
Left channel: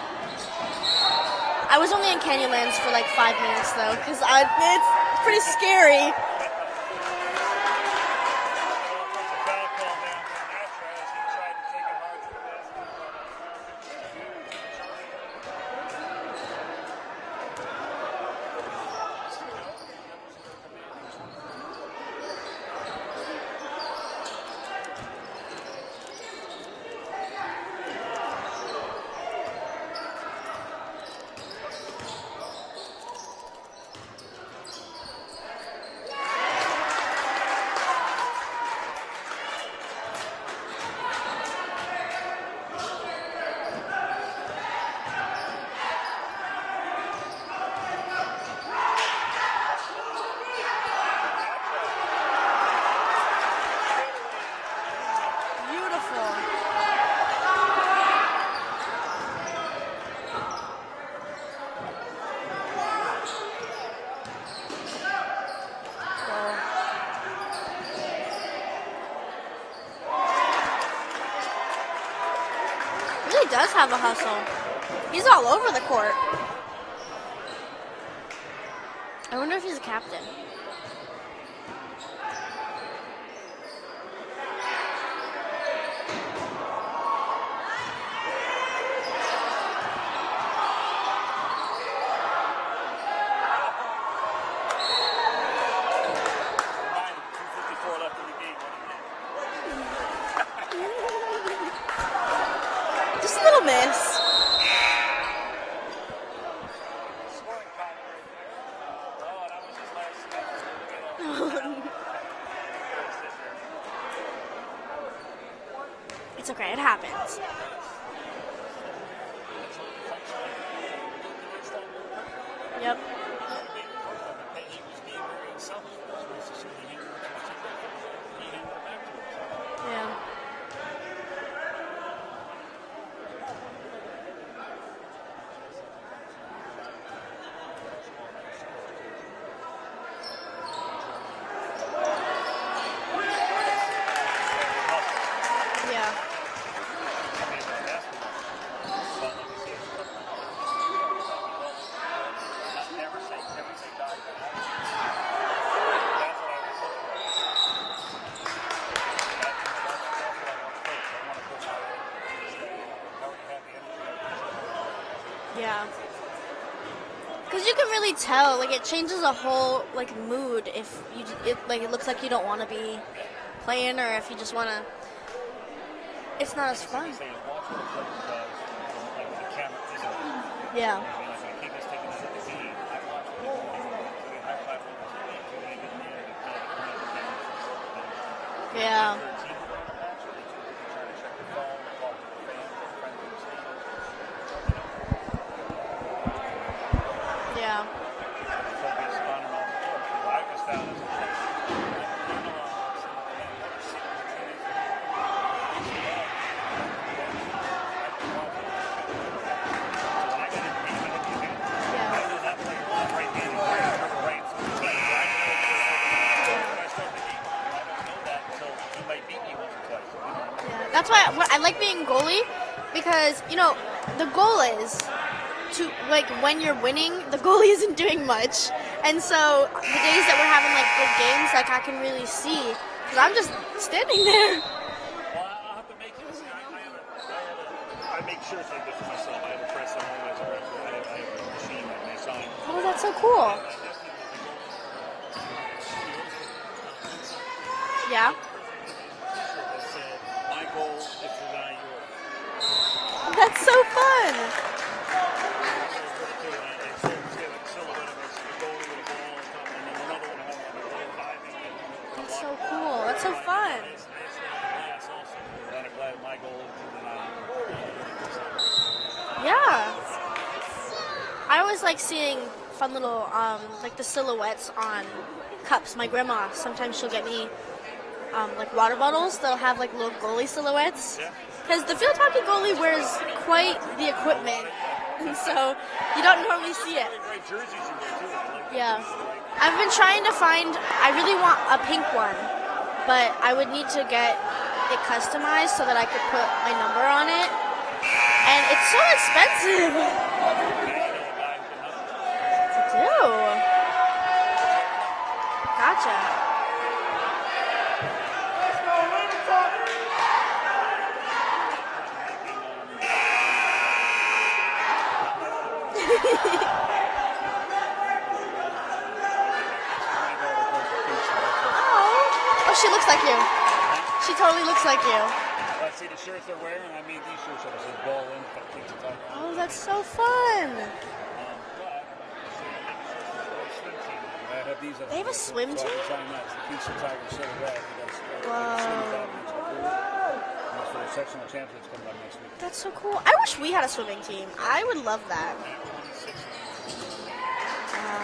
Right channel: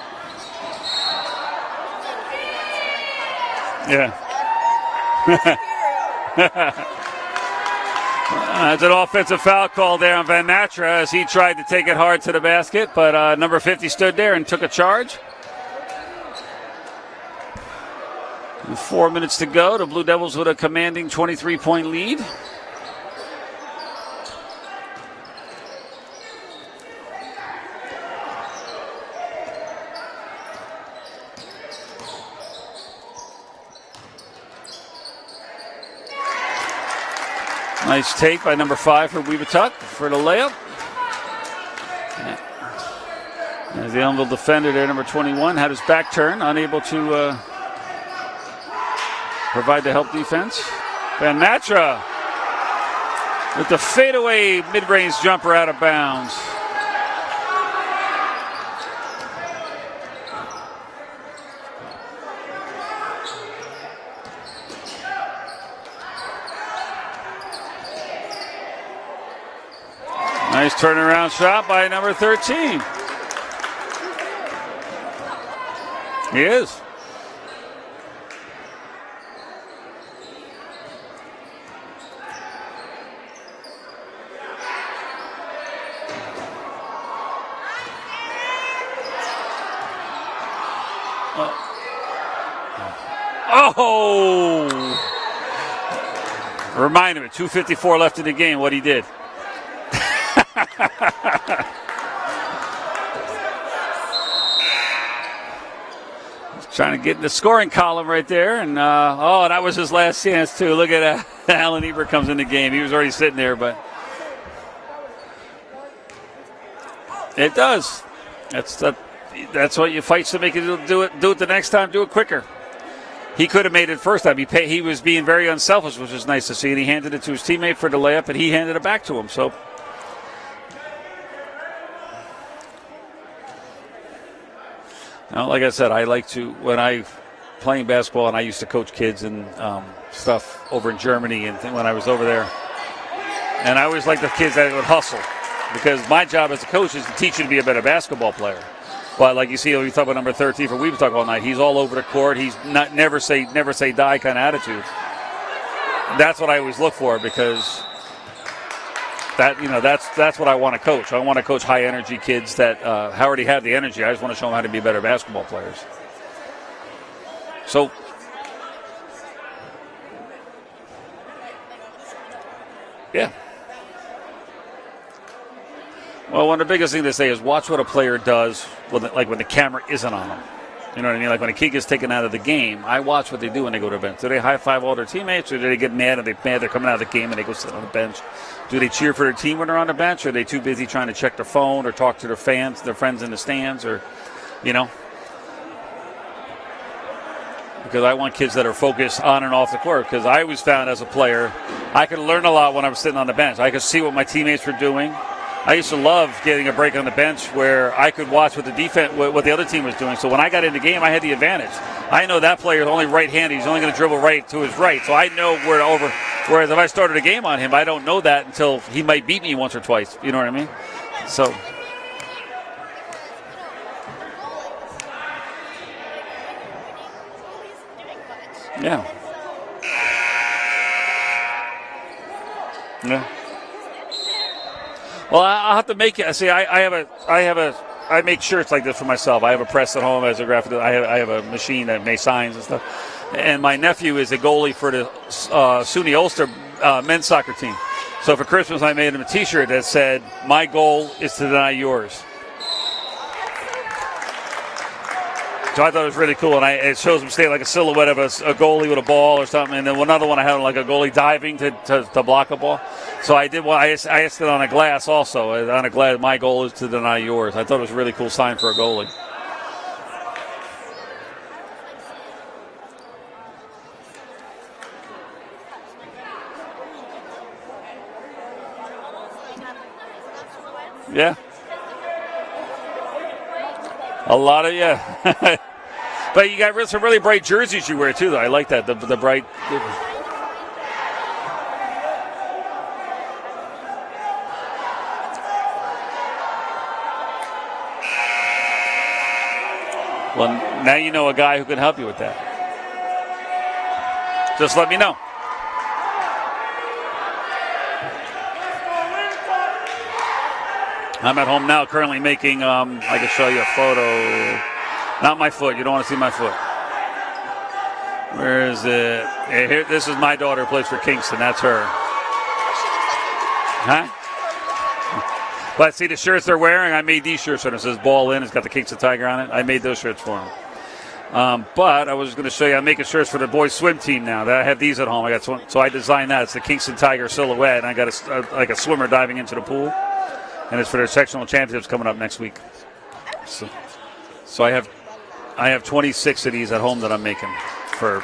I was only in Canyonlands for 5 minutes though, because it's pretty scary. It's an offensive foul call there on Van Matra as he tried to take it hard to the basket, but number 50 stood there and took a charge. With 4 minutes to go, the Blue Devils with a commanding 23-point lead. Nice take by number 5 for Webutuck for the layup. As the Ellenville defender there, number 21, had his back turned, unable to provide the help defense. Van Matra with the fadeaway mid-range jumper out of bounds. Nice turnaround shot by number 13. He does have a hustle. He's all over the court. He is. I wonder if he's a captain. Oh! Remind him, 2:54 left in the game, what he did. Just a little miss. Trying to get in the scoring column right there. And, that was his last chance, too. Look at that. Alan Ebert comes in the game. He was already sitting there, but. It's okay. It happens. It does. That's what you fight to make it do it the next time. Do it quicker. Yep. He could have made it first time. He was being very unselfish, which was nice to see. And he handed it to his teammate for the layup, and he handed it back to him. So. Now, like I said, I like to, when I playing basketball, and I used to coach kids and stuff over in Germany and when I was over there. And I always liked the kids that would hustle, because my job as a coach is to teach you to be a better basketball player. But like you see, we talk about number 13 for Webutuck all night. He's all over the court. He's not never say die kind of attitude. That's what I always look for, because that's what I want to coach. I want to coach high energy kids that already have the energy. I just want to show them how to be better basketball players. Because you can really tell, it changes a whole mood if it looks like you don't want to be playing, or if you just want to. Well, one of the biggest things to say is watch what a player does when the camera isn't on them. Yeah. You know what I mean? Like when a kid gets taken out of the game, I watch what they do when they go to the bench. Do they high five all their teammates, or do they get mad and they're coming out of the game and they go sit on the bench? Do they cheer for their team when they're on the bench, or are they too busy trying to check their phone or talk to their fans, their friends in the stands, or, you know? Yeah. Because I want kids that are focused on and off the court. Because I always found as a player, I could learn a lot when I was sitting on the bench. I could see what my teammates were doing. I used to love getting a break on the bench where I could watch what what the other team was doing. So when I got in the game, I had the advantage. I know that player is only right-handed. He's only going to dribble right to his right. So I know where to over. Whereas if I started a game on him, I don't know that until he might beat me once or twice. You know what I mean? That's why I like being goalie, because the goal is to, like, when you're winning, the goalie isn't doing much. Yeah. And so the days that we're having like good games, like I can really see. Yeah. I'm just standing there. Well, I'll have to make it. See, I make shirts like this for myself. I have a press at home as a graphic. I have a machine that makes signs and stuff. Oh, that's so cool. And my nephew is a goalie for the SUNY Ulster men's soccer team. Yeah. So for Christmas, I made him a T-shirt that said, "My goal is to deny yours." That's so fun. So I thought it was really cool, and it shows him stay like a silhouette of a goalie with a ball or something. And then another one I had like a goalie diving to block a ball. So I did one. I asked it on a glass also. On a glass, my goal is to deny yours. I thought it was a really cool sign for a goalie. Yeah. I always like seeing fun little, like the silhouettes on cups. My grandma, sometimes she'll get me like water bottles that'll have like little goalie silhouettes. Yeah. Because the field hockey goalie wears quite the equipment. A lot of, yeah. So you don't But you got totally see some it. really bright jerseys you wear too, though. I like that, Yeah. the bright. I've been trying to find, I really want a pink one, but I would need to get it customized so that I could put my number on it. And it's so expensive. Well, now you know a guy who can help you with that. Ew. Just let me know. Gotcha. I'm at home now currently making, I can show you a photo. Not my foot. You don't want to see my foot. Where is it? Here, this is my daughter who plays for Kingston. That's her. Oh, she looks like you. Huh? She totally looks like you. But see the shirts they're wearing? I made these shirts and it says ball in. It's got the Kingston Tiger on it. I made those so shirts for them. fun. But I was going to show you, I'm making shirts for the boys swim team now. I have these at home. I got Swim so I team? designed that. It's the Kingston Tiger silhouette, and I got like a swimmer diving into the pool. And it's for their sectional championships coming up next week. That's so cool. I wish we had a swimming team. So I would love that. I have 26 of these at home that I'm making for.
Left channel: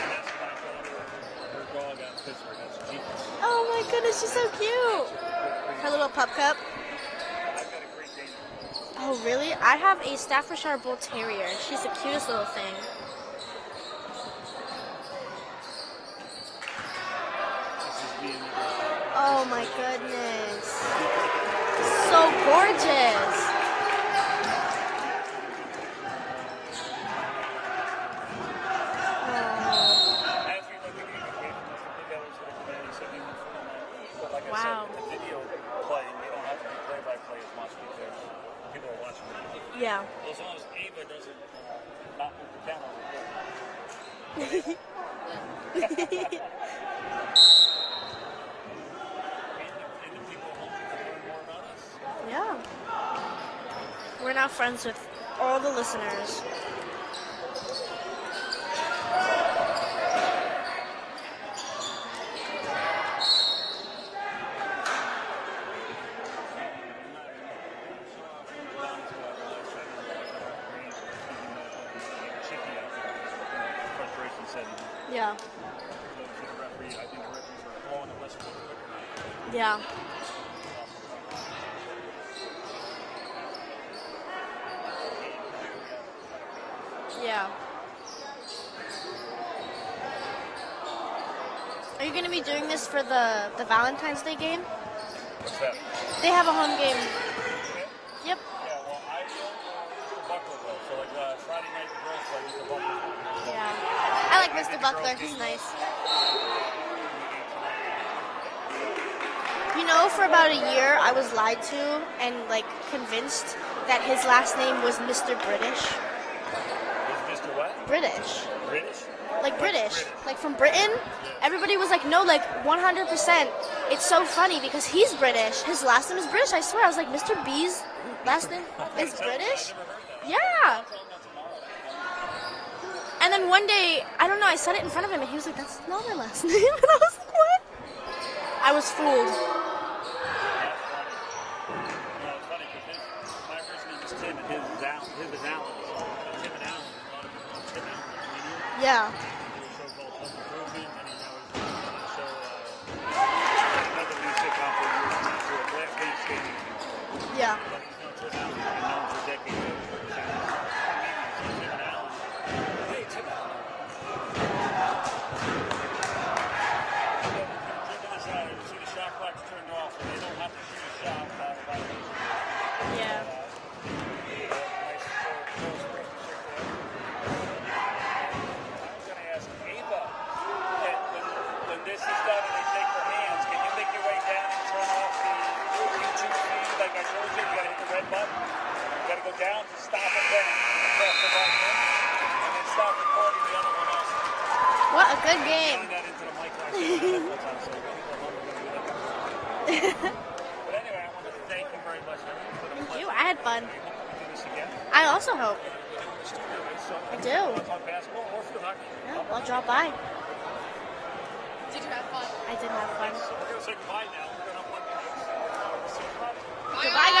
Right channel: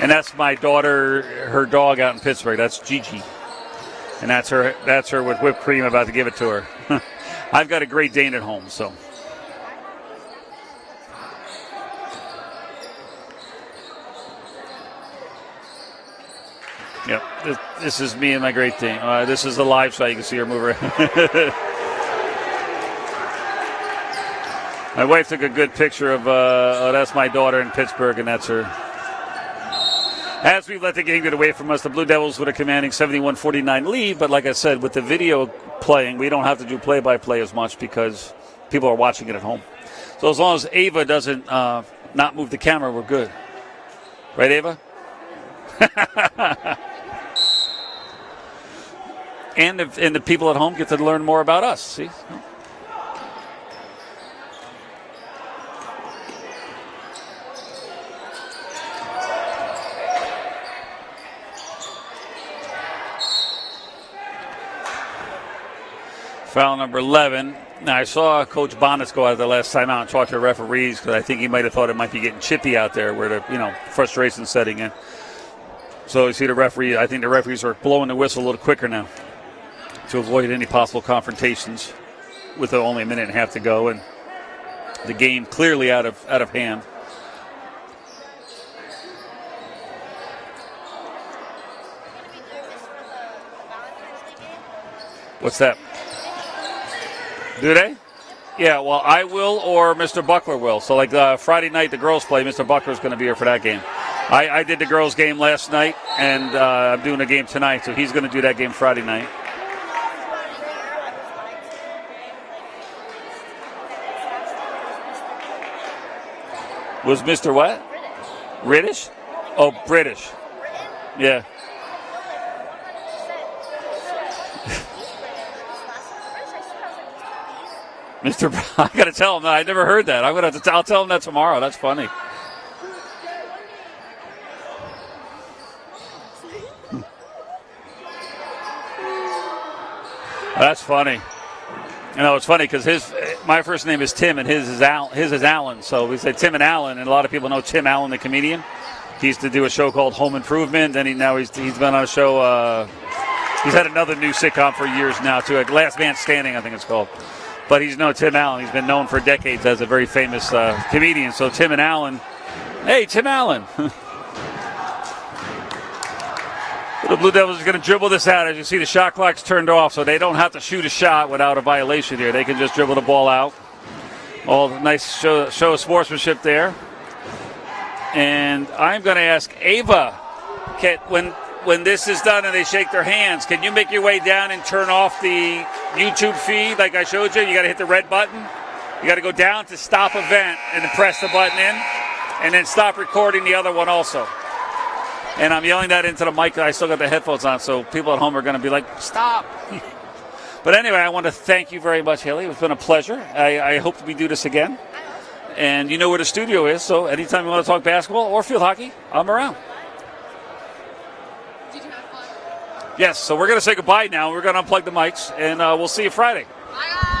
And that's my daughter, her dog out in Pittsburgh. That's Gigi. Oh my goodness. And that's so her. cute. That's her with whipped cream. About to give it to her. I've got a Great Dane at home, so. Oh really? I have a Staffordshire Bull Terrier. She's the cutest little thing. Yep. This is me and my Great Dane. This is the live shot. You can see her move around. So gorgeous. My wife took a good picture of. That's my daughter in Pittsburgh, and that's her. As we let the game get away from us, the Blue Devils with a commanding 71-49 lead. But like I said, with the video playing, we don't have to do play-by-play as much because people are watching it at home. Yeah. So as long as Ava doesn't not move the camera, we're good. Right, Ava? and the people at home get to learn more about us. See? Yeah. We're now friends with all the listeners. Foul number 11. Now, I saw Coach Bonnets go out the last time out and talk to the referees because I think he might have thought it might be getting chippy out there where the frustration setting in. Yeah. So you see the referee. I think the referees are blowing the whistle a little quicker now Yeah. to avoid any possible confrontations with only a minute and a half to go and the game clearly out of hand. Yeah. Are you going to be doing this for the Valentine's Day game? What's that? They have a home game. Do they? Yep. Yeah, well, I will or Mr. Buckler will. So, like Friday night, the girls play. Mr. Buckler's going to be here for that game. I did the girls' game last night, and I'm doing a game tonight, so he's going to do that game Friday night. You know, for about a year, I was lied to and, convinced that his last name was Mr. British. Was Mr. what? British. British? Like Oh, British. British. Like from Britain? Yeah. Everybody was like, no, 100%. It's so funny because he's British. His last name is British, I swear. I was like, Mr. B's Mr. Brown. I got to tell him that. I never heard that. I'm gonna have to. I'll tell him that tomorrow. That's funny. And then one day, I don't know, I said it in front of him, and he was like, "That's not my last name." And I was like, "What?" I was fooled. That's funny. You know, it's funny because my first name is Tim and his is Alan. So we say Tim and Alan, and a lot of people know Tim Allen, the comedian. Yeah. He used to do a show called Home Improvement, and he's been on a show. He's had another new sitcom for years now too, like Last Man Standing, I think it's called. Yeah. But he's Tim Allen. He's been known for decades as a very famous comedian. So Tim and Allen. Hey, Tim Allen. The Blue Devils are going to dribble this out. As you see, the shot clock's turned off, so they don't have to shoot a shot without a violation here. They can just dribble the ball out. All nice show of sportsmanship there. And I'm going to ask Ava, when this is done and they shake their hands, can you make your way down and turn off the YouTube feed like I showed you? You got to hit the red button. You got to go down to stop event and then press the button in, and then stop recording the other one also. What a good And I'm game. yelling that into the mic. I still got the headphones on, so people at home are going to be like, stop. But anyway, I want to thank you very much, Haley. It's been a pleasure. I hope we do this again. I also hope. And you know where the studio is, so anytime you want to talk basketball or field hockey, I'm around. Stop by. Did you have fun? I did have fun. Yes, so we're going to say goodbye now. We're going to unplug the mics, and we'll see you Friday. Bye.